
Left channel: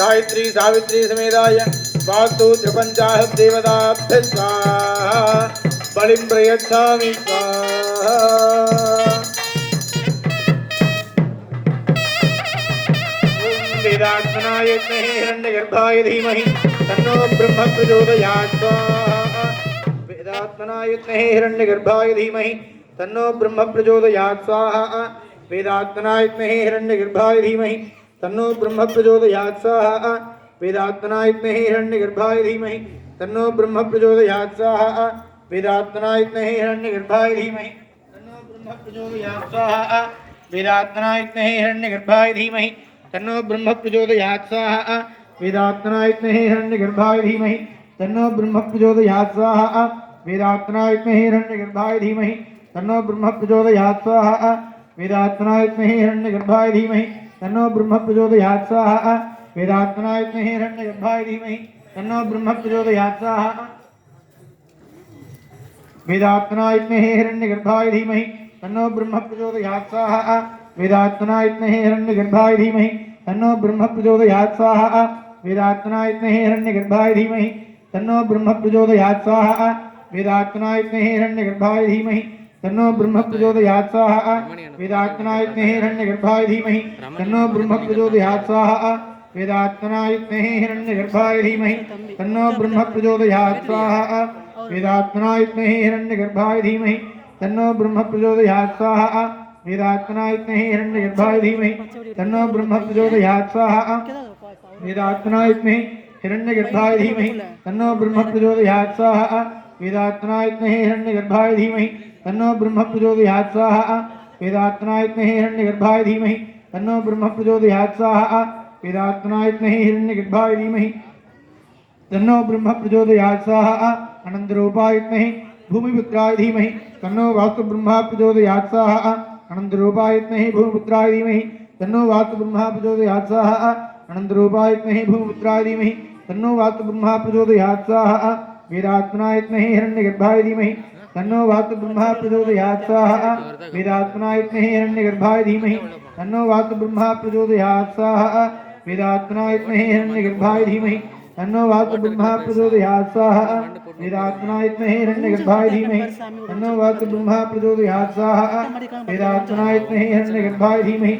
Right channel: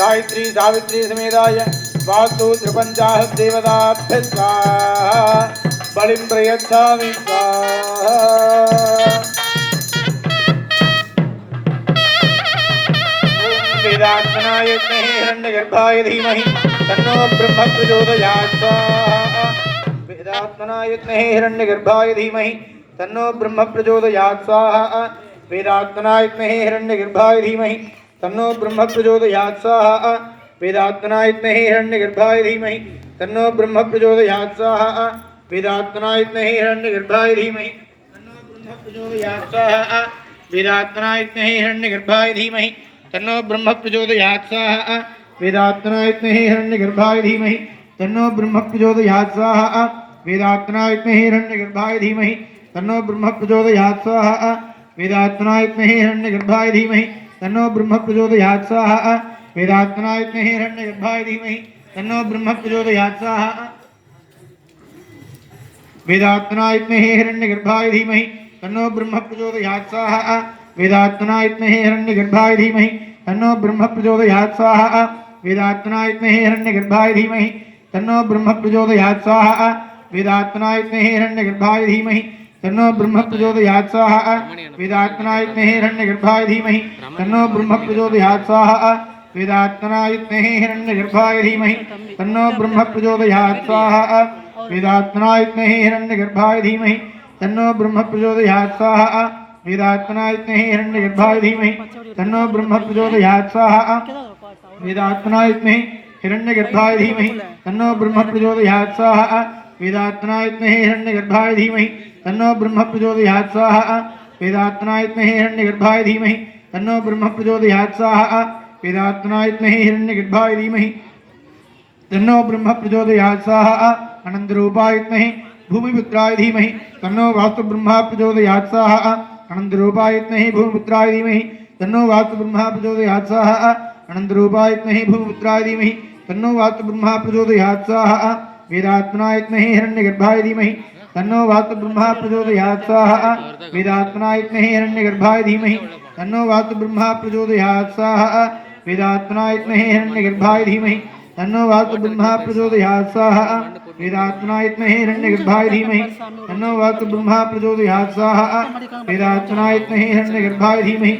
गायत्री सावित्री समेताय वास्तु त्रिपञ्चाशद्देवताभ्यः स्वाहा बलिं प्रयच्छामि स्वाहा वेदात्मनाय विद्महे हिरण्यगर्भाय धीमहि तन्नो ब्रह्म प्रचोदयात् स्वाहा वेदात्मनाय विद्महे हिरण्यगर्भाय धीमहि तन्नो ब्रह्म प्रचोदयात् स्वाहा वेदात्मनाय विद्महे हिरण्यगर्भाय धीमहि तन्नो ब्रह्म प्रचोदयात् स्वाहा वेदात्मनाय विद्महे हिरण्यगर्भाय धीमहि तन्नो ब्रह्म प्रचोदयात् स्वाहा वेदात्मनाय विद्महे हिरण्यगर्भाय धीमहि तन्नो ब्रह्म प्रचोदयात् स्वाहा वेदात्मनाय विद्महे हिरण्यगर्भाय धीमहि तन्नो ब्रह्म प्रचोदयात् स्वाहा वेदात्मनाय विद्महे हिरण्यगर्भाय धीमहि तन्नो ब्रह्म प्रचोदयात् स्वाहा वेदात्मनाय विद्महे हिरण्यगर्भाय धीमहि तन्नो ब्रह्म प्रचोदयात् स्वाहा वेदात्मनाय विद्महे हिरण्यगर्भाय धीमहि तन्नो ब्रह्म प्रचोदयात् स्वाहा वेदात्मनाय विद्महे हिरण्यगर्भाय धीमहि तन्नो ब्रह्म प्रचोदयात् स्वाहा वेदात्मनाय विद्महे हिरण्यगर्भाय धीमहि तन्नो ब्रह्म प्रचोदयात् स्वाहा वेदात्मनाय विद्महे हिरण्यगर्भाय धीमहि तन्नो ब्रह्म प्रचोदयात् स्वाहा वेदात्मनाय विद्महे हिरण्यगर्भाय धीमहि तन्नो ब्रह्म प्रचोदयात् स्वाहा वेदात्मनाय विद्महे हिरण्यगर्भाय धीमहि तन्नो ब्रह्म प्रचोदयात् स्वाहा वेदात्मनाय विद्महे हिरण्यगर्भाय धीमहि तन्नो ब्रह्म प्रचोदयात् स्वाहा वेदात्मनाय विद्महे हिरण्यगर्भाय धीमहि तन्नो ब्रह्म प्रचोदयात् स्वाहा वेदात्मनाय विद्महे हिरण्यगर्भाय धीमहि तन्नो ब्रह्म प्रचोदयात् स्वाहा वेदात्मनाय विद्महे हिरण्यगर्भाय धीमहि तन्नो ब्रह्म प्रचोदयात् स्वाहा वेदात्मनाय विद्महे हिरण्यगर्भाय धीमहि तन्नो ब्रह्म प्रचोदयात् स्वाहा वेदात्मनाय विद्महे हिरण्यगर्भाय धीमहि तन्नो ब्रह्म प्रचोदयात् स्वाहा वेदात्मनाय विद्महे हिरण्यगर्भाय धीमहि तन्नो ब्रह्म प्रचोदयात् स्वाहा वेदात्मनाय विद्महे हिरण्यगर्भाय धीमहि तन्नो ब्रह्म प्रचोदयात् स्वाहा अनंतरूपाय विद्महे भूमिपुत्राय धीमहि तन्नो वास्तु ब्रह्मा प्रचोदयात् स्वाहा अनन्तरूपाय विद्महे भूमिपुत्राय धीमहि तन्नो वास्तु ब्रह्मा प्रचोदयात् स्वाहा अनन्तरूपाय विद्महे भूमिपुत्राय धीमहि तन्नो वास्तु ब्रह्मा प्रचोदयात् स्वाहा वेदात्मनाय विद्महे हिरण्यगर्भाय धीमहि तन्नो वास्तु ब्रह्मा प्रचोदयात् स्वाहा वेदात्मनाय विद्महे हिरण्यगर्भाय धीमहि तन्नो वास्तु ब्रह्मा प्रचोदयात् स्वाहा वेदात्मनाय विद्महे हिरण्यगर्भाय धीमहि तन्नो वास्तु ब्रह्मा प्रचोदयात् स्वाहा वेदात्मनाय विद्महे हिरण्यगर्भाय धीमहि तन्नो वास्तु ब्रह्मा प्रचोदयात् स्वाहा वेदात्मनाय विद्महे हिरण्यगर्भाय धीमहि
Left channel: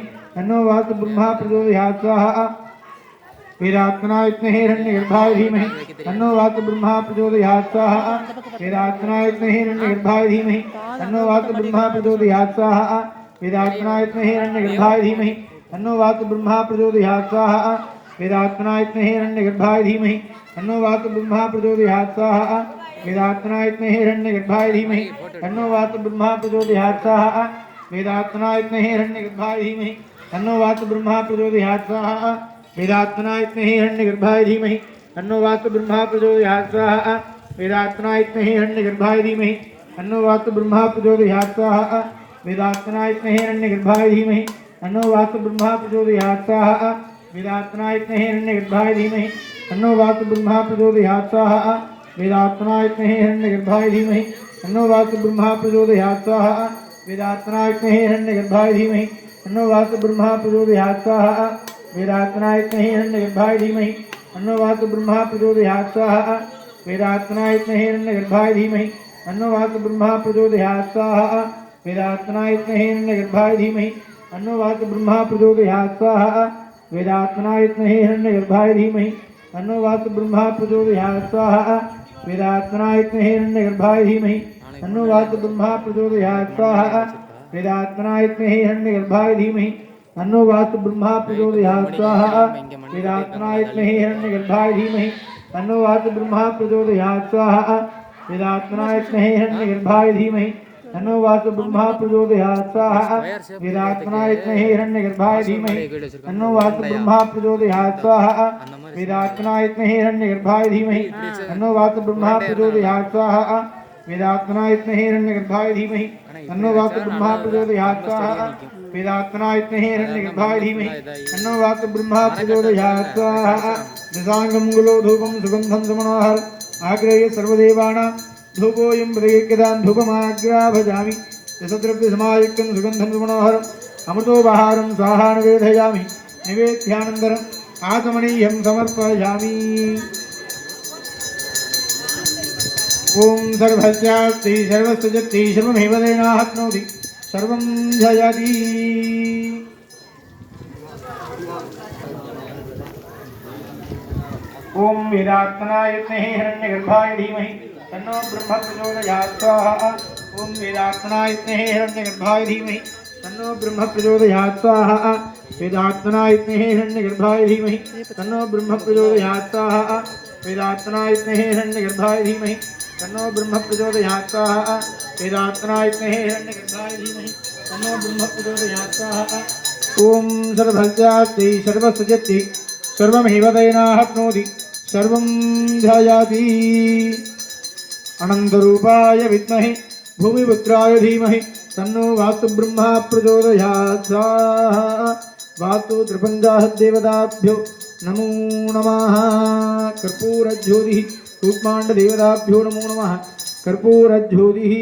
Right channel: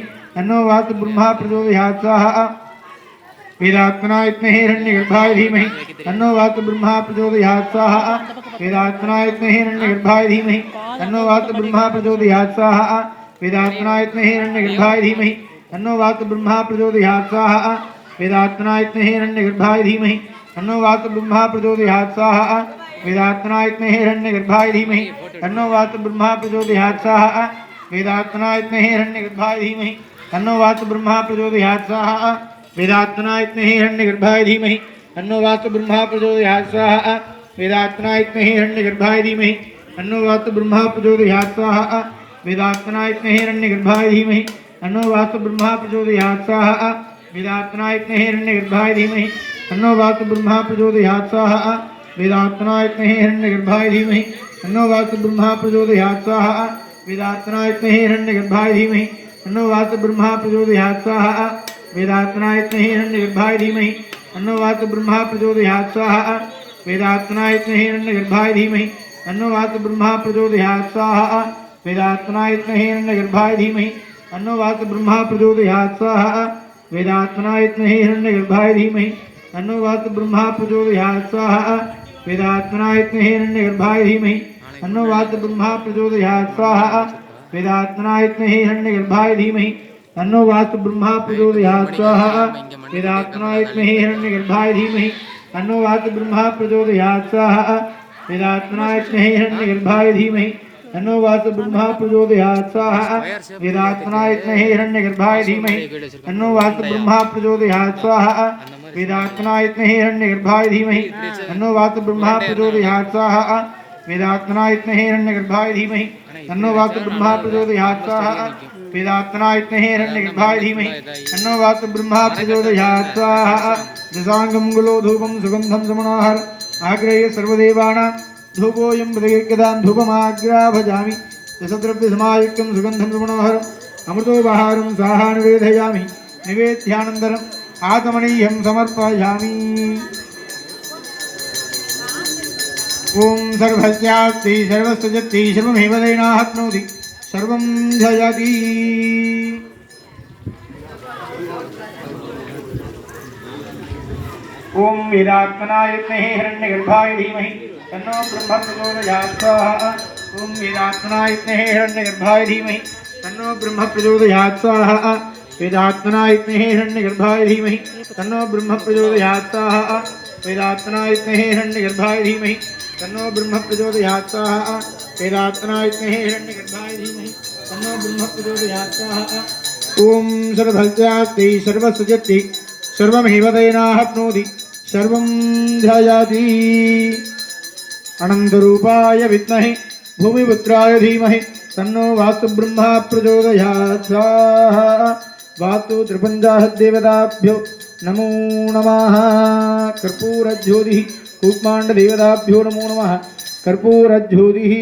तन्नो वास्तु ब्रह्मा प्रचोदयात् स्वाहा वेदात्मनाय विद्महे हिरण्यगर्भाय धीमहि तन्नो वास्तु ब्रह्मा प्रचोदयात् स्वाहा वेदात्मनाय विद्महे हिरण्यगर्भाय धीमहि तन्नो वास्तु ब्रह्मा प्रचोदयात् स्वाहा वेदात्मनाय विद्महे हिरण्यगर्भाय धीमहि तन्नो वास्तु ब्रह्मा प्रचोदयात् स्वाहा वेदात्मनाय विद्महे हिरण्यगर्भाय धीमहि तन्नो वास्तु ब्रह्मा प्रचोदयात् स्वाहा वेदात्मनाय विद्महे हिरण्यगर्भाय धीमहि तन्नो वास्तु ब्रह्मा प्रचोदयात् स्वाहा वेदात्मनाय विद्महे हिरण्यगर्भाय धीमहि तन्नो वास्तु ब्रह्मा प्रचोदयात् स्वाहा वेदात्मनाय विद्महे हिरण्यगर्भाय धीमहि तन्नो वास्तु ब्रह्मा प्रचोदयात् स्वाहा वेदात्मनाय विद्महे हिरण्यगर्भाय धीमहि तन्नो वास्तु ब्रह्मा प्रचोदयात् स्वाहा वेदात्मनाय विद्महे हिरण्यगर्भाय धीमहि तन्नो वास्तु ब्रह्मा प्रचोदयात् स्वाहा वेदात्मनाय विद्महे हिरण्यगर्भाय धीमहि तन्नो वास्तु ब्रह्मा प्रचोदयात् स्वाहा वेदात्मनाय विद्महे हिरण्यगर्भाय धीमहि तन्नो वास्तु ब्रह्मा प्रचोदयात् स्वाहा वेदात्मनाय विद्महे हिरण्यगर्भाय धीमहि तन्नो वास्तु ब्रह्मा प्रचोदयात् स्वाहा वेदात्मनाय विद्महे हिरण्यगर्भाय धीमहि तन्नो वास्तु ब्रह्मा प्रचोदयात् स्वाहा वेदात्मनाय विद्महे हिरण्यगर्भाय धीमहि तन्नो वास्तु ब्रह्मा प्रचोदयात् स्वाहा वेदात्मनाय विद्महे हिरण्यगर्भाय धीमहि तन्नो वास्तु ब्रह्मा प्रचोदयात् स्वाहा वेदात्मनाय विद्महे हिरण्यगर्भाय धीमहि तन्नो वास्तु ब्रह्मा प्रचोदयात् स्वाहा वेदात्मनाय विद्महे हिरण्यगर्भाय धीमहि तन्नो वास्तु ब्रह्मा प्रचोदयात् स्वाहा वेदात्मनाय विद्महे हिरण्यगर्भाय धीमहि तन्नो वास्तु ब्रह्मा प्रचोदयात् स्वाहा वेदात्मनाय विद्महे हिरण्यगर्भाय धीमहि तन्नो वास्तु ब्रह्मा प्रचोदयात् स्वाहा वेदात्मनाय विद्महे हिरण्यगर्भाय धीमहि तन्नो वास्तु ब्रह्मा प्रचोदयात् स्वाहा वेदात्मनाय विद्महे हिरण्यगर्भाय धीमहि तन्नो वास्तु ब्रह्मा प्रचोदयात् स्वाहा वेदात्मनाय विद्महे हिरण्यगर्भाय धीमहि तन्नो वास्तु ब्रह्मा प्रचोदयात् स्वाहा वेदात्मनाय विद्महे हिरण्यगर्भाय धीमहि तन्नो वास्तु ब्रह्मा प्रचोदयात् स्वाहा वेदात्मनाय विद्महे हिरण्यगर्भाय धीमहि तन्नो वास्तु ब्रह्मा प्रचोदयात् स्वाहा दशांगं गुलो धूपं सुगन्धं सुमनोहर आग्रह्य सर्वदेवानां धूपोऽयं प्रदीर्घदां धूपमाग्राभजामि दशद्रव्यसमायुक्तं सुगन्धं सुमनोहर अमृतोपहारं स्वाहा निवेदयामि निवेद्यानन्तरम् आत्मनीयं समर्पयामि। ओम सर्वस्यास्ति सर्वस्य जति सर्वमेव दैनाप्नोति सर्वं जयति। ओम वेदात्मनाय विद्महे हिरण्यगर्भाय धीमहि तन्नो ब्रह्म प्रचोदयात् स्वाहा ओम वेदात्मनाय विद्महे हिरण्यगर्भाय धीमहि तन्नो ब्रह्म प्रचोदयात् स्वाहा वेदात्मनाय विद्महे हिरण्यगर्भाय धीमहि तन्नो ब्रह्म प्रचोदयात् स्वाहा वेदात्मनाय विद्महे हिरण्यगर्भाय धीमहि तन्नो ब्रह्म प्रचोदयात् स्वाहा वेदात्मनाय विद्महे हिरण्यगर्भाय धीमहि तन्नो ब्रह्म प्रचोदयात् स्वाहा। ओम सर्वस्यास्ति सर्वस्य जति सर्वमेव दैनाप्नोति सर्वं ध्यायाति। अनन्तरूपाय विद्महे भूमिपुत्राय धीमहि तन्नो वास्तु ब्रह्मा प्रचोदयात् स्वाहा वास्तु त्रिपञ्चाशद्देवताभ्यो नमो नमः। कर्पूरज्योतिः कूष्माण्डदेवताभ्यो नमो नमः कर्पूरज्योतिः।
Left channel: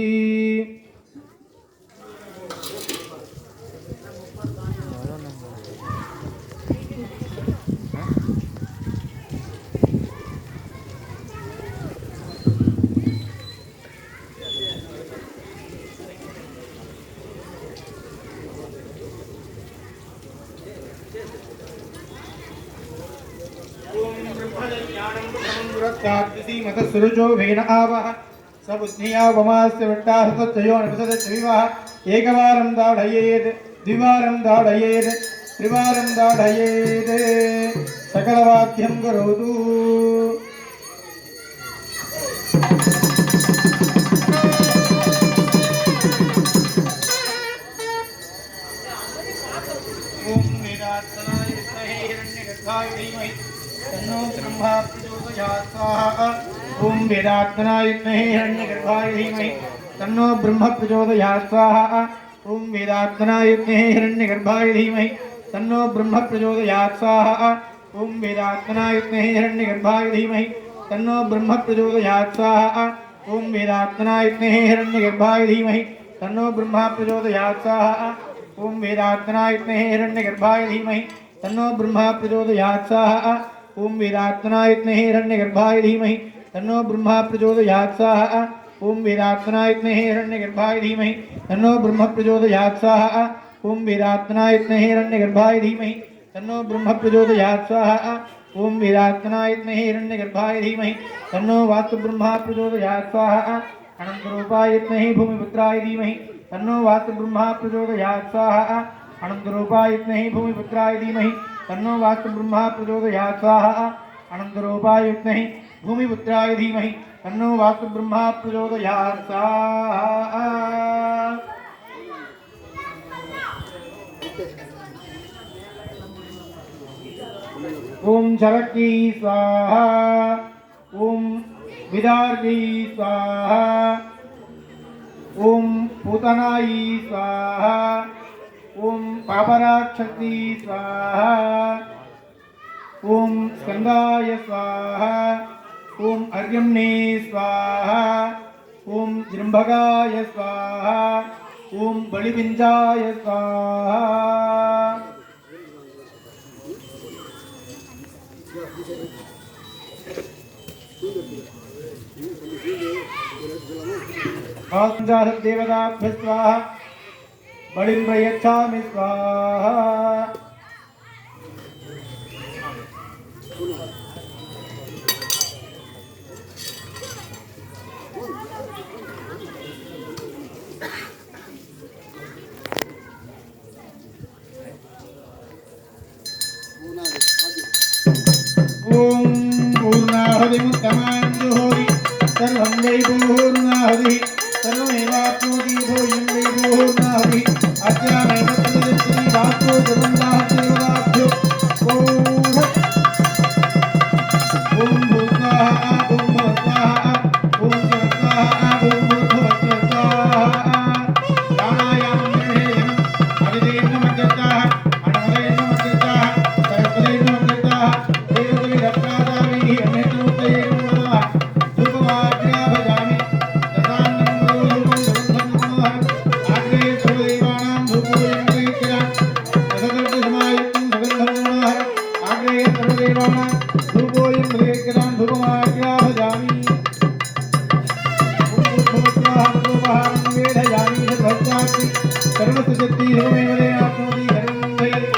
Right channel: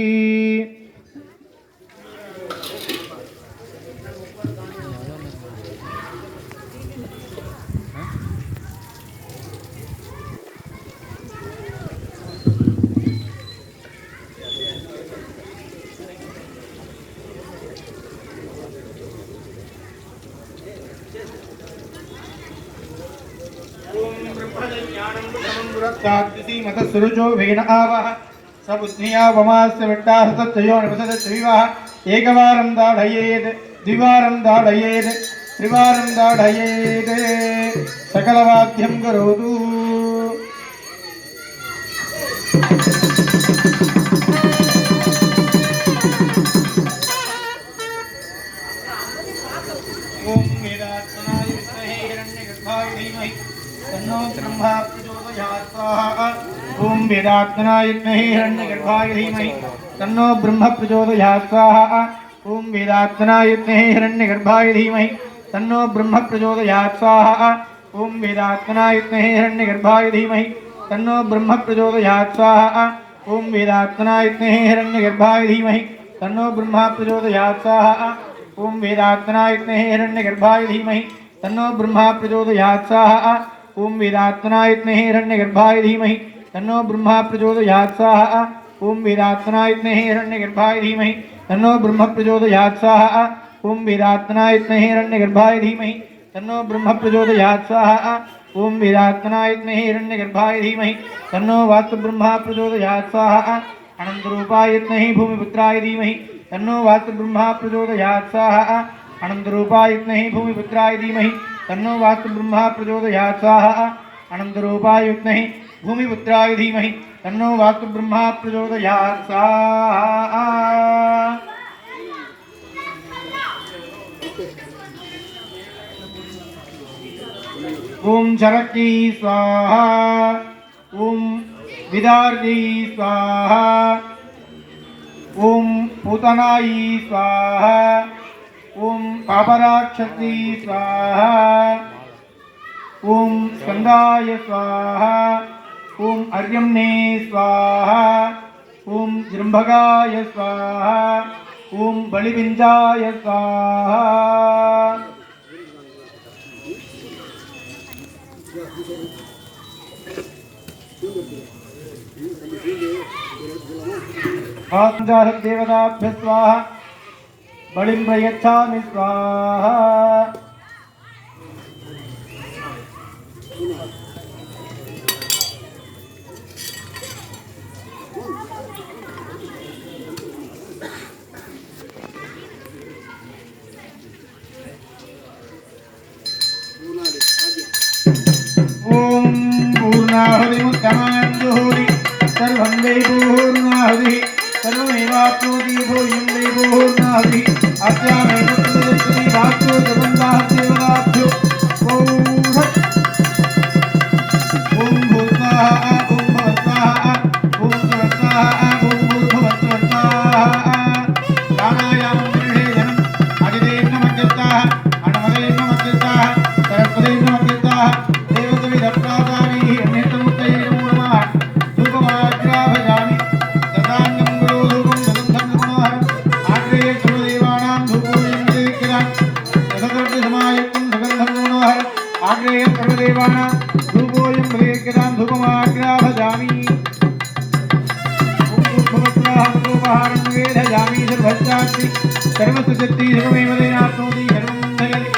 मतसुरुचो वेन आवः सबुद्धिया वमास्य वट्टाहतच्चयो नपसदच्चविवाह एकवारं दाढयेत् द्विवारं दाढयेत् त्रिवारं दाढयेत् सकलवाद्यं करोतु। ओम वेदात्मनाय विद्महे हिरण्यगर्भाय धीमहि तन्नो ब्रह्मा प्रचोदयात् ओम वेदात्मनाय विद्महे हिरण्यगर्भाय धीमहि तन्नो ब्रह्म प्रचोदयात् स्वाहा ओम वेदात्मनाय विद्महे हिरण्यगर्भाय धीमहि तन्नो ब्रह्म प्रचोदयात् स्वाहा ओम वेदात्मनाय विद्महे हिरण्यगर्भाय धीमहि तन्नो ब्रह्म प्रचोदयात् स्वाहा ओम वेदात्मनाय विद्महे हिरण्यगर्भाय धीमहि तन्नो ब्रह्म प्रचोदयात् स्वाहा ओम वेदात्मनाय विद्महे हिरण्यगर्भाय धीमहि तन्नो ब्रह्म प्रचोदयात् स्वाहा ओम वेदात्मनाय विद्महे हिरण्यगर्भाय धीमहि तन्नो ब्रह्म प्रचोदयात् स्वाहा ओम वेदात्मनाय विद्महे हिरण्यगर्भाय धीमहि तन्नो ब्रह्म प्रचोदयात् स्वाहा ओम वेदात्मनाय विद्महे हिरण्यगर्भाय धीमहि तन्नो ब्रह्म प्रचोदयात् स्वाहा ओम वेदात्मनाय विद्महे हिरण्यगर्भाय धीमहि तन्नो वास्तु ब्रह्म प्रचोदयात् स्वाहा अनंतरूपाय विद्महे भूमिपुत्राय धीमहि तन्नो वास्तु ब्रह्म प्रचोदयात् स्वाहा अनंतरूपाय विद्महे भूमिपुत्राय धीमहि तन्नो वास्तु ब्रह्म प्रचोदयात् स्वाहा अनंतरूपाय विद्महे भूमिपुत्राय धीमहि तन्नो वास्तु ब्रह्म प्रचोदयात् स्वाहा। ओम शरकी स्वाहा ओम विदार्गी स्वाहा ओम पूतनाई स्वाहा ओम पापराक्षसी स्वाहा ओम स्कंदाय स्वाहा ओम अर्यम्ने स्वाहा ओम जृंभगाय स्वाहा ओम बलिपिंजाय स्वाहा। देवताभ्य स्वाहा बलिं प्रयच्छामि स्वाहा। ओम पूर्णाहुतिमुत्तमाञ्जुहोति सर्वं वै पूर्णाहुतिः सर्वमेवाप्नोति भूयं वै पूर्णाहुतिः अस्यामेव तद्वदस्ति वाक्यो सर्वं देवताभ्यो ओम भूस्वाहा ओम भवस्वाहा ओम स्वस्वाहा ओम भूर्भुवस्वाहा। प्राणायामं गृहेधनं अदितेन मध्यस्थाः अनुमतेन मध्यस्थाः सरस्वतेन मध्यस्थाः देवतविदप्रादाभिः अन्यतमुत्तैर्मूढमाः धूपमाग्राभजामि दशान्नं गुरोधूपं सुगन्धं मनोहरम् आग्रेय सर्वदेवानां धूपोऽयं दीक्षितां दशदर्शसमायुक्तं सुगन्धं मनोहरम् आग्रेय सर्वदेवानां धूपोऽयं दीक्षितां धूपमाग्राभजामि। ओम भूर्भुवस्वाहा धूपहारं वेधयामि सर्वस्यास्ति सर्वसुजति सर्वमेव तेनाप्नोति सर्वं दयति।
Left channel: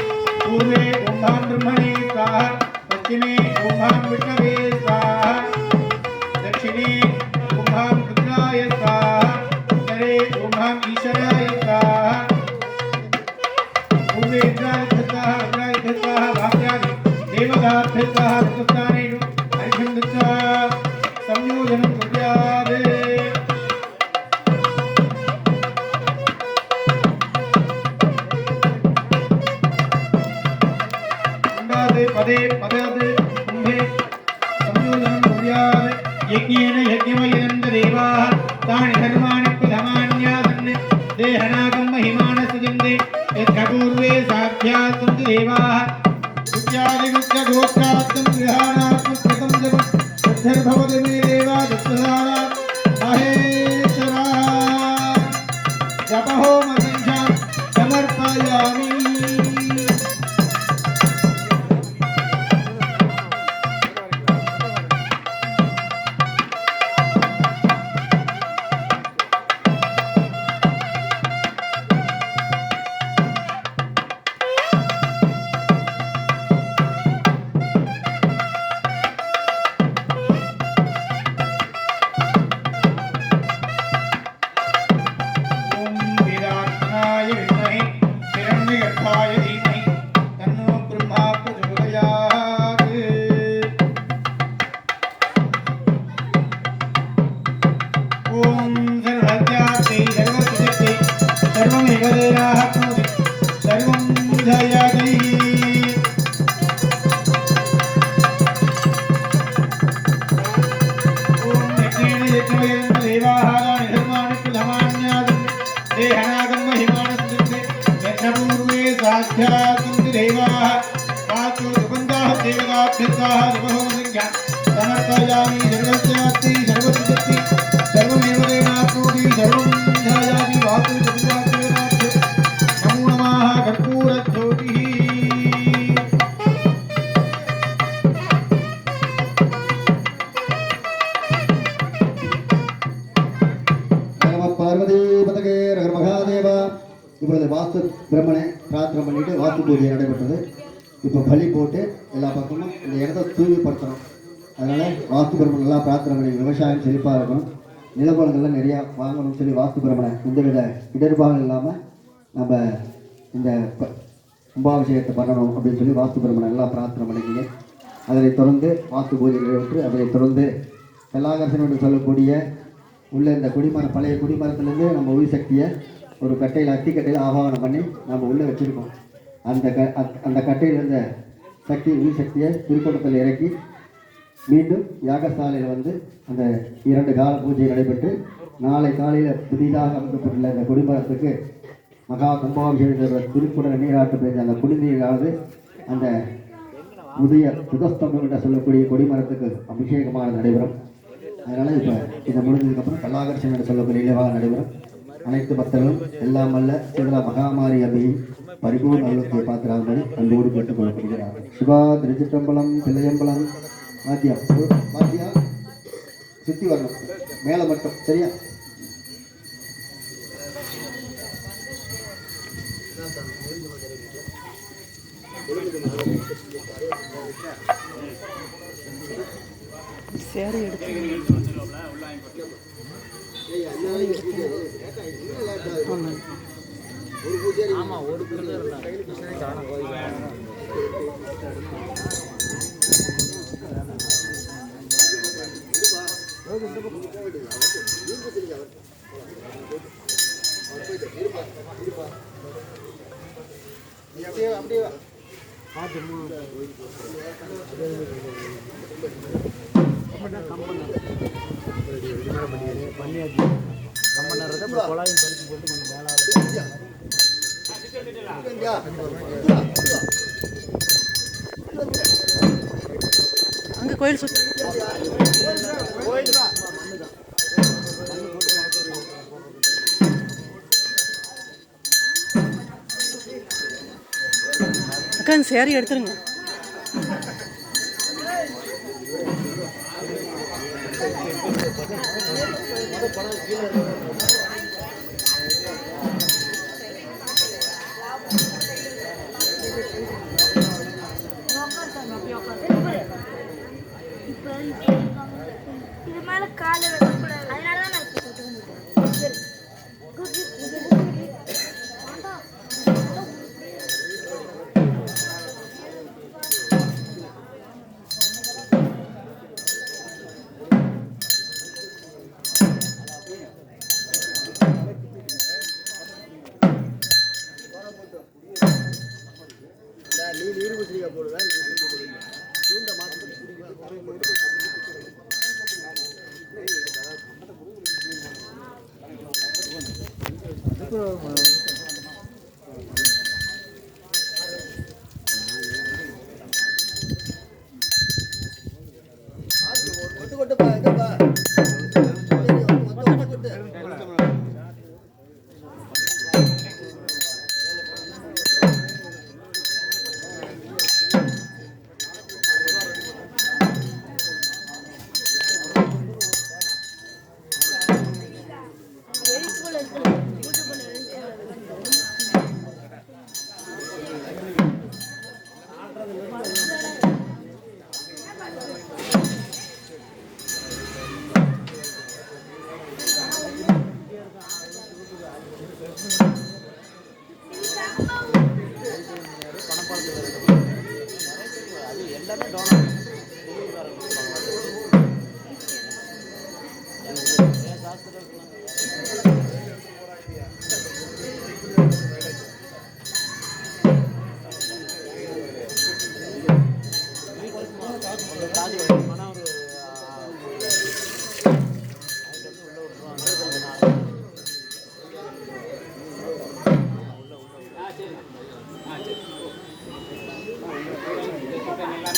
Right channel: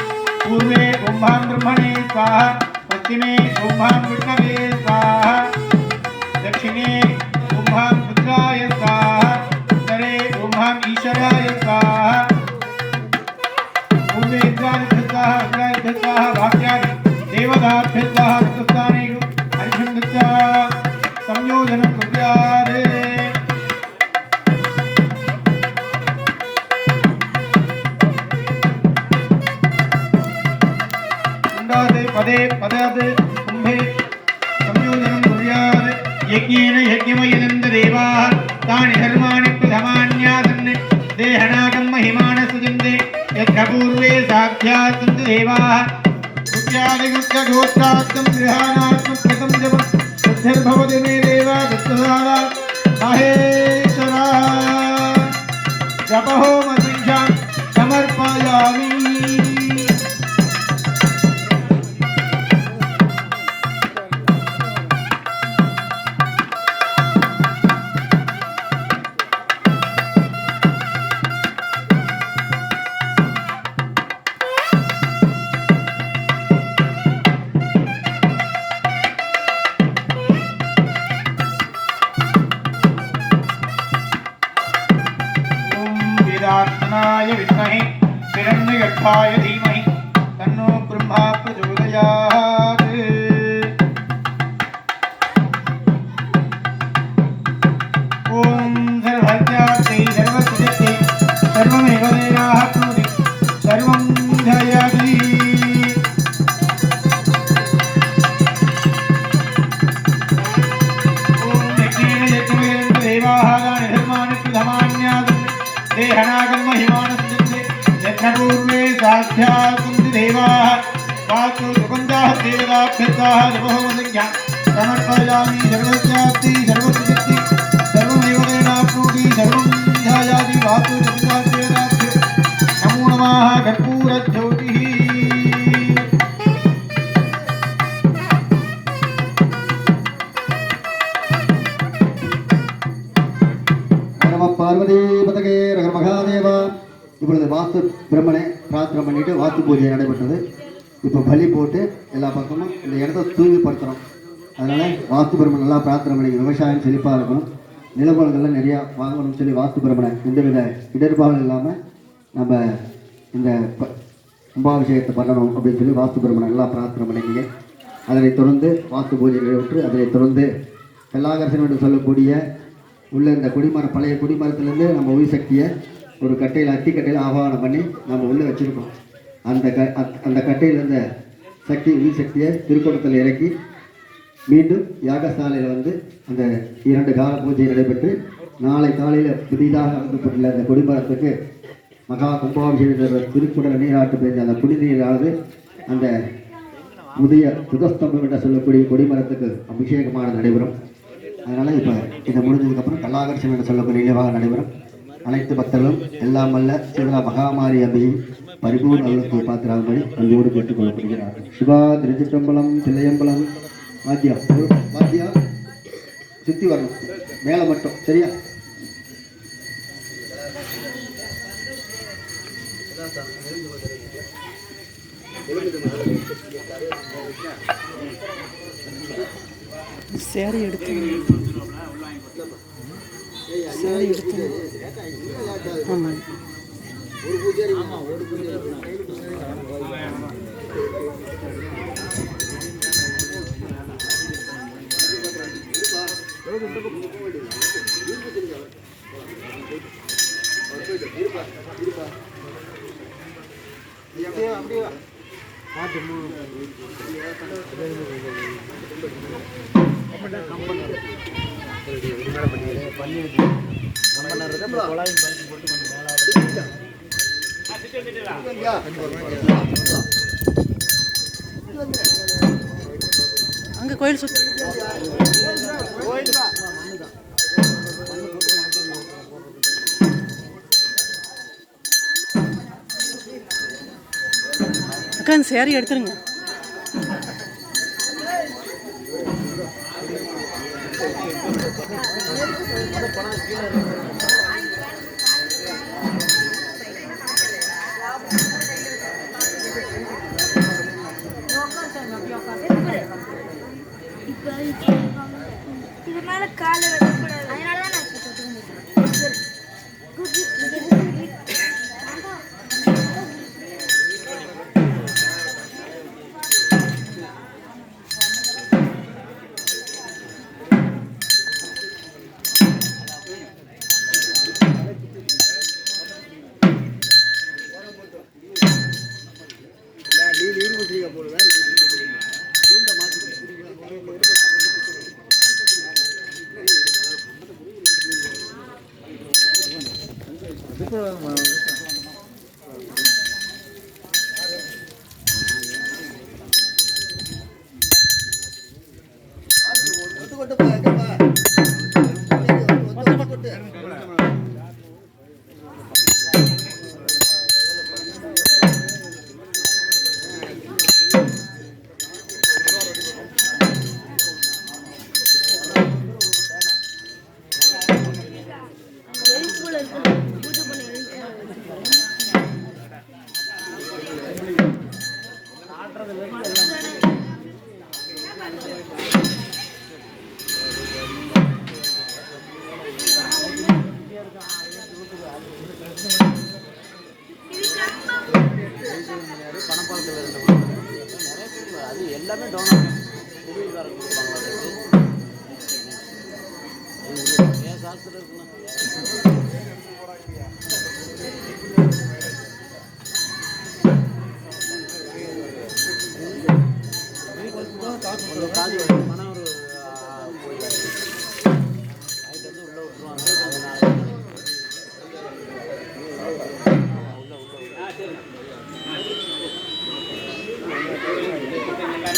पूर्वे ओं भां ब्रह्मणे स्वाहा पश्चिमे ओं भां विष्णवे स्वाहा दक्षिणे ओं भां रुद्राय स्वाहा उत्तरे ओं भां ईश्वराय स्वाहा। पूर्वे इंद्राय स्वाहा रुद्राय स्वाहा वाक्यानि देवताभ्यः स्वाहा तत्स्थानेषु हरिषुण्डस्य संयोजनं कुर्यात्। पदे पदे कुंभे संयोजनं कुर्यात्। यज्ञेन यज्ञमयिनन्द देवाः तानि धर्माणि प्रथमान्यासन् देहनागं महिमानः सुजन्ते यज्ञपूर्वे साक्षात् सन्ति देवाः गुह्यादिगुह्यगोत्रार्थं गृहाणात्मकृतं जपं सिद्धिर्भवति मे देवा दत्तसाला महेश्वरा जपहोमसंख्यां समर्पयामि। பிரம்மனை பிரார்த்தனை பண்ணிட்டு வாஸ்து பூஜை நடைபெற்றது. இப்போ பலி போட்டு எல்லா பக்கமும் இந்த இடத்த தூய்மைப்படுத்துகிறோம். அதனால் வாஸ்து பிரம்மன் நல்லா பிரார்த்தனை பண்ணி விவசாயம் செழிப்பாக இருக்கணும், நிலப்பலங்கள்லாம் நிறையா வாங்கணும்னு சொல்லி வாஸ்து பிரம்மனை எந்தவித இடர்பாடும் இல்லாமல் நம்ம இந்த கும்பாபிஷேகத்தை பண்ணணும் அப்படின்னு சொல்லி வாஸ்து பிரம்மனை நல்லா பிரார்த்தனை பண்ணிக்கிங்க. அதனைத் தொடர்ந்து வாஸ்து பூஜை நிறைவேற்று அதனைத் தொடர்ந்து கல்லாகர்ஷன் என்று சொல்லக்கூடிய உள்ள இந்த குடிமரம் பழைய குடிமரத்துலேருந்து நம்ம உயிர் சக்தியை ஒரு கட்டையில் அத்திக்கட்டையில் ஆவாகனம் பண்ணி நம்ம உள்ளே வச்சுருக்கோம். அந்த கட்டையில் இருந்த சக்தி உயிர் சக்தியை திருக்குடத்தில் இறக்கி மீண்டும் யாகசாலையில் வந்து அந்த 2 கால பூஜை நடைபெற்று நாளை காலையில் புதிதாக அமைக்கப்பட்டுள்ள அந்த கொடிமரத்துக்கு மகா கும்பாபிஷேக திருக்குடல் நீராட்டு பெஞ்ச அந்த குடிநீரானது அந்த புதிய புதஸ்தம்பம் என்று சொல்லக்கூடிய கொடிமரத்துக்கு அபிஷேகமாக நடைபெறும். அதனால் இப்போ இதை முடிஞ்சதுக்கப்புறம் கல்லாகர்ஷன் என்று சொல்லக்கூடிய நினைவாக நடைபெறும். அனைத்து பக்தர்களும் எல்லாம் வல்ல சிவலா மகாமாரி அபியும் பரிபூர்ண அவர்களுக்கு பார்க்கிறார்கள் அன்போடு கேட்டுக்கொள்ளப்படுகிறார்கள். சிவா திருச்சிற்றம்பலம் தில்லையம்பலம் வாத்தியா சுற்றி வரணும் மேலே மட்டும் சரியா? சேரி எடுத்து ஆமாம் ஒரு பூஜை அப்படியே அங்கே கோயில் சுற்றி அக்கா இந்த சேரீ எடுத்துருங்க. இது மேல கால காசு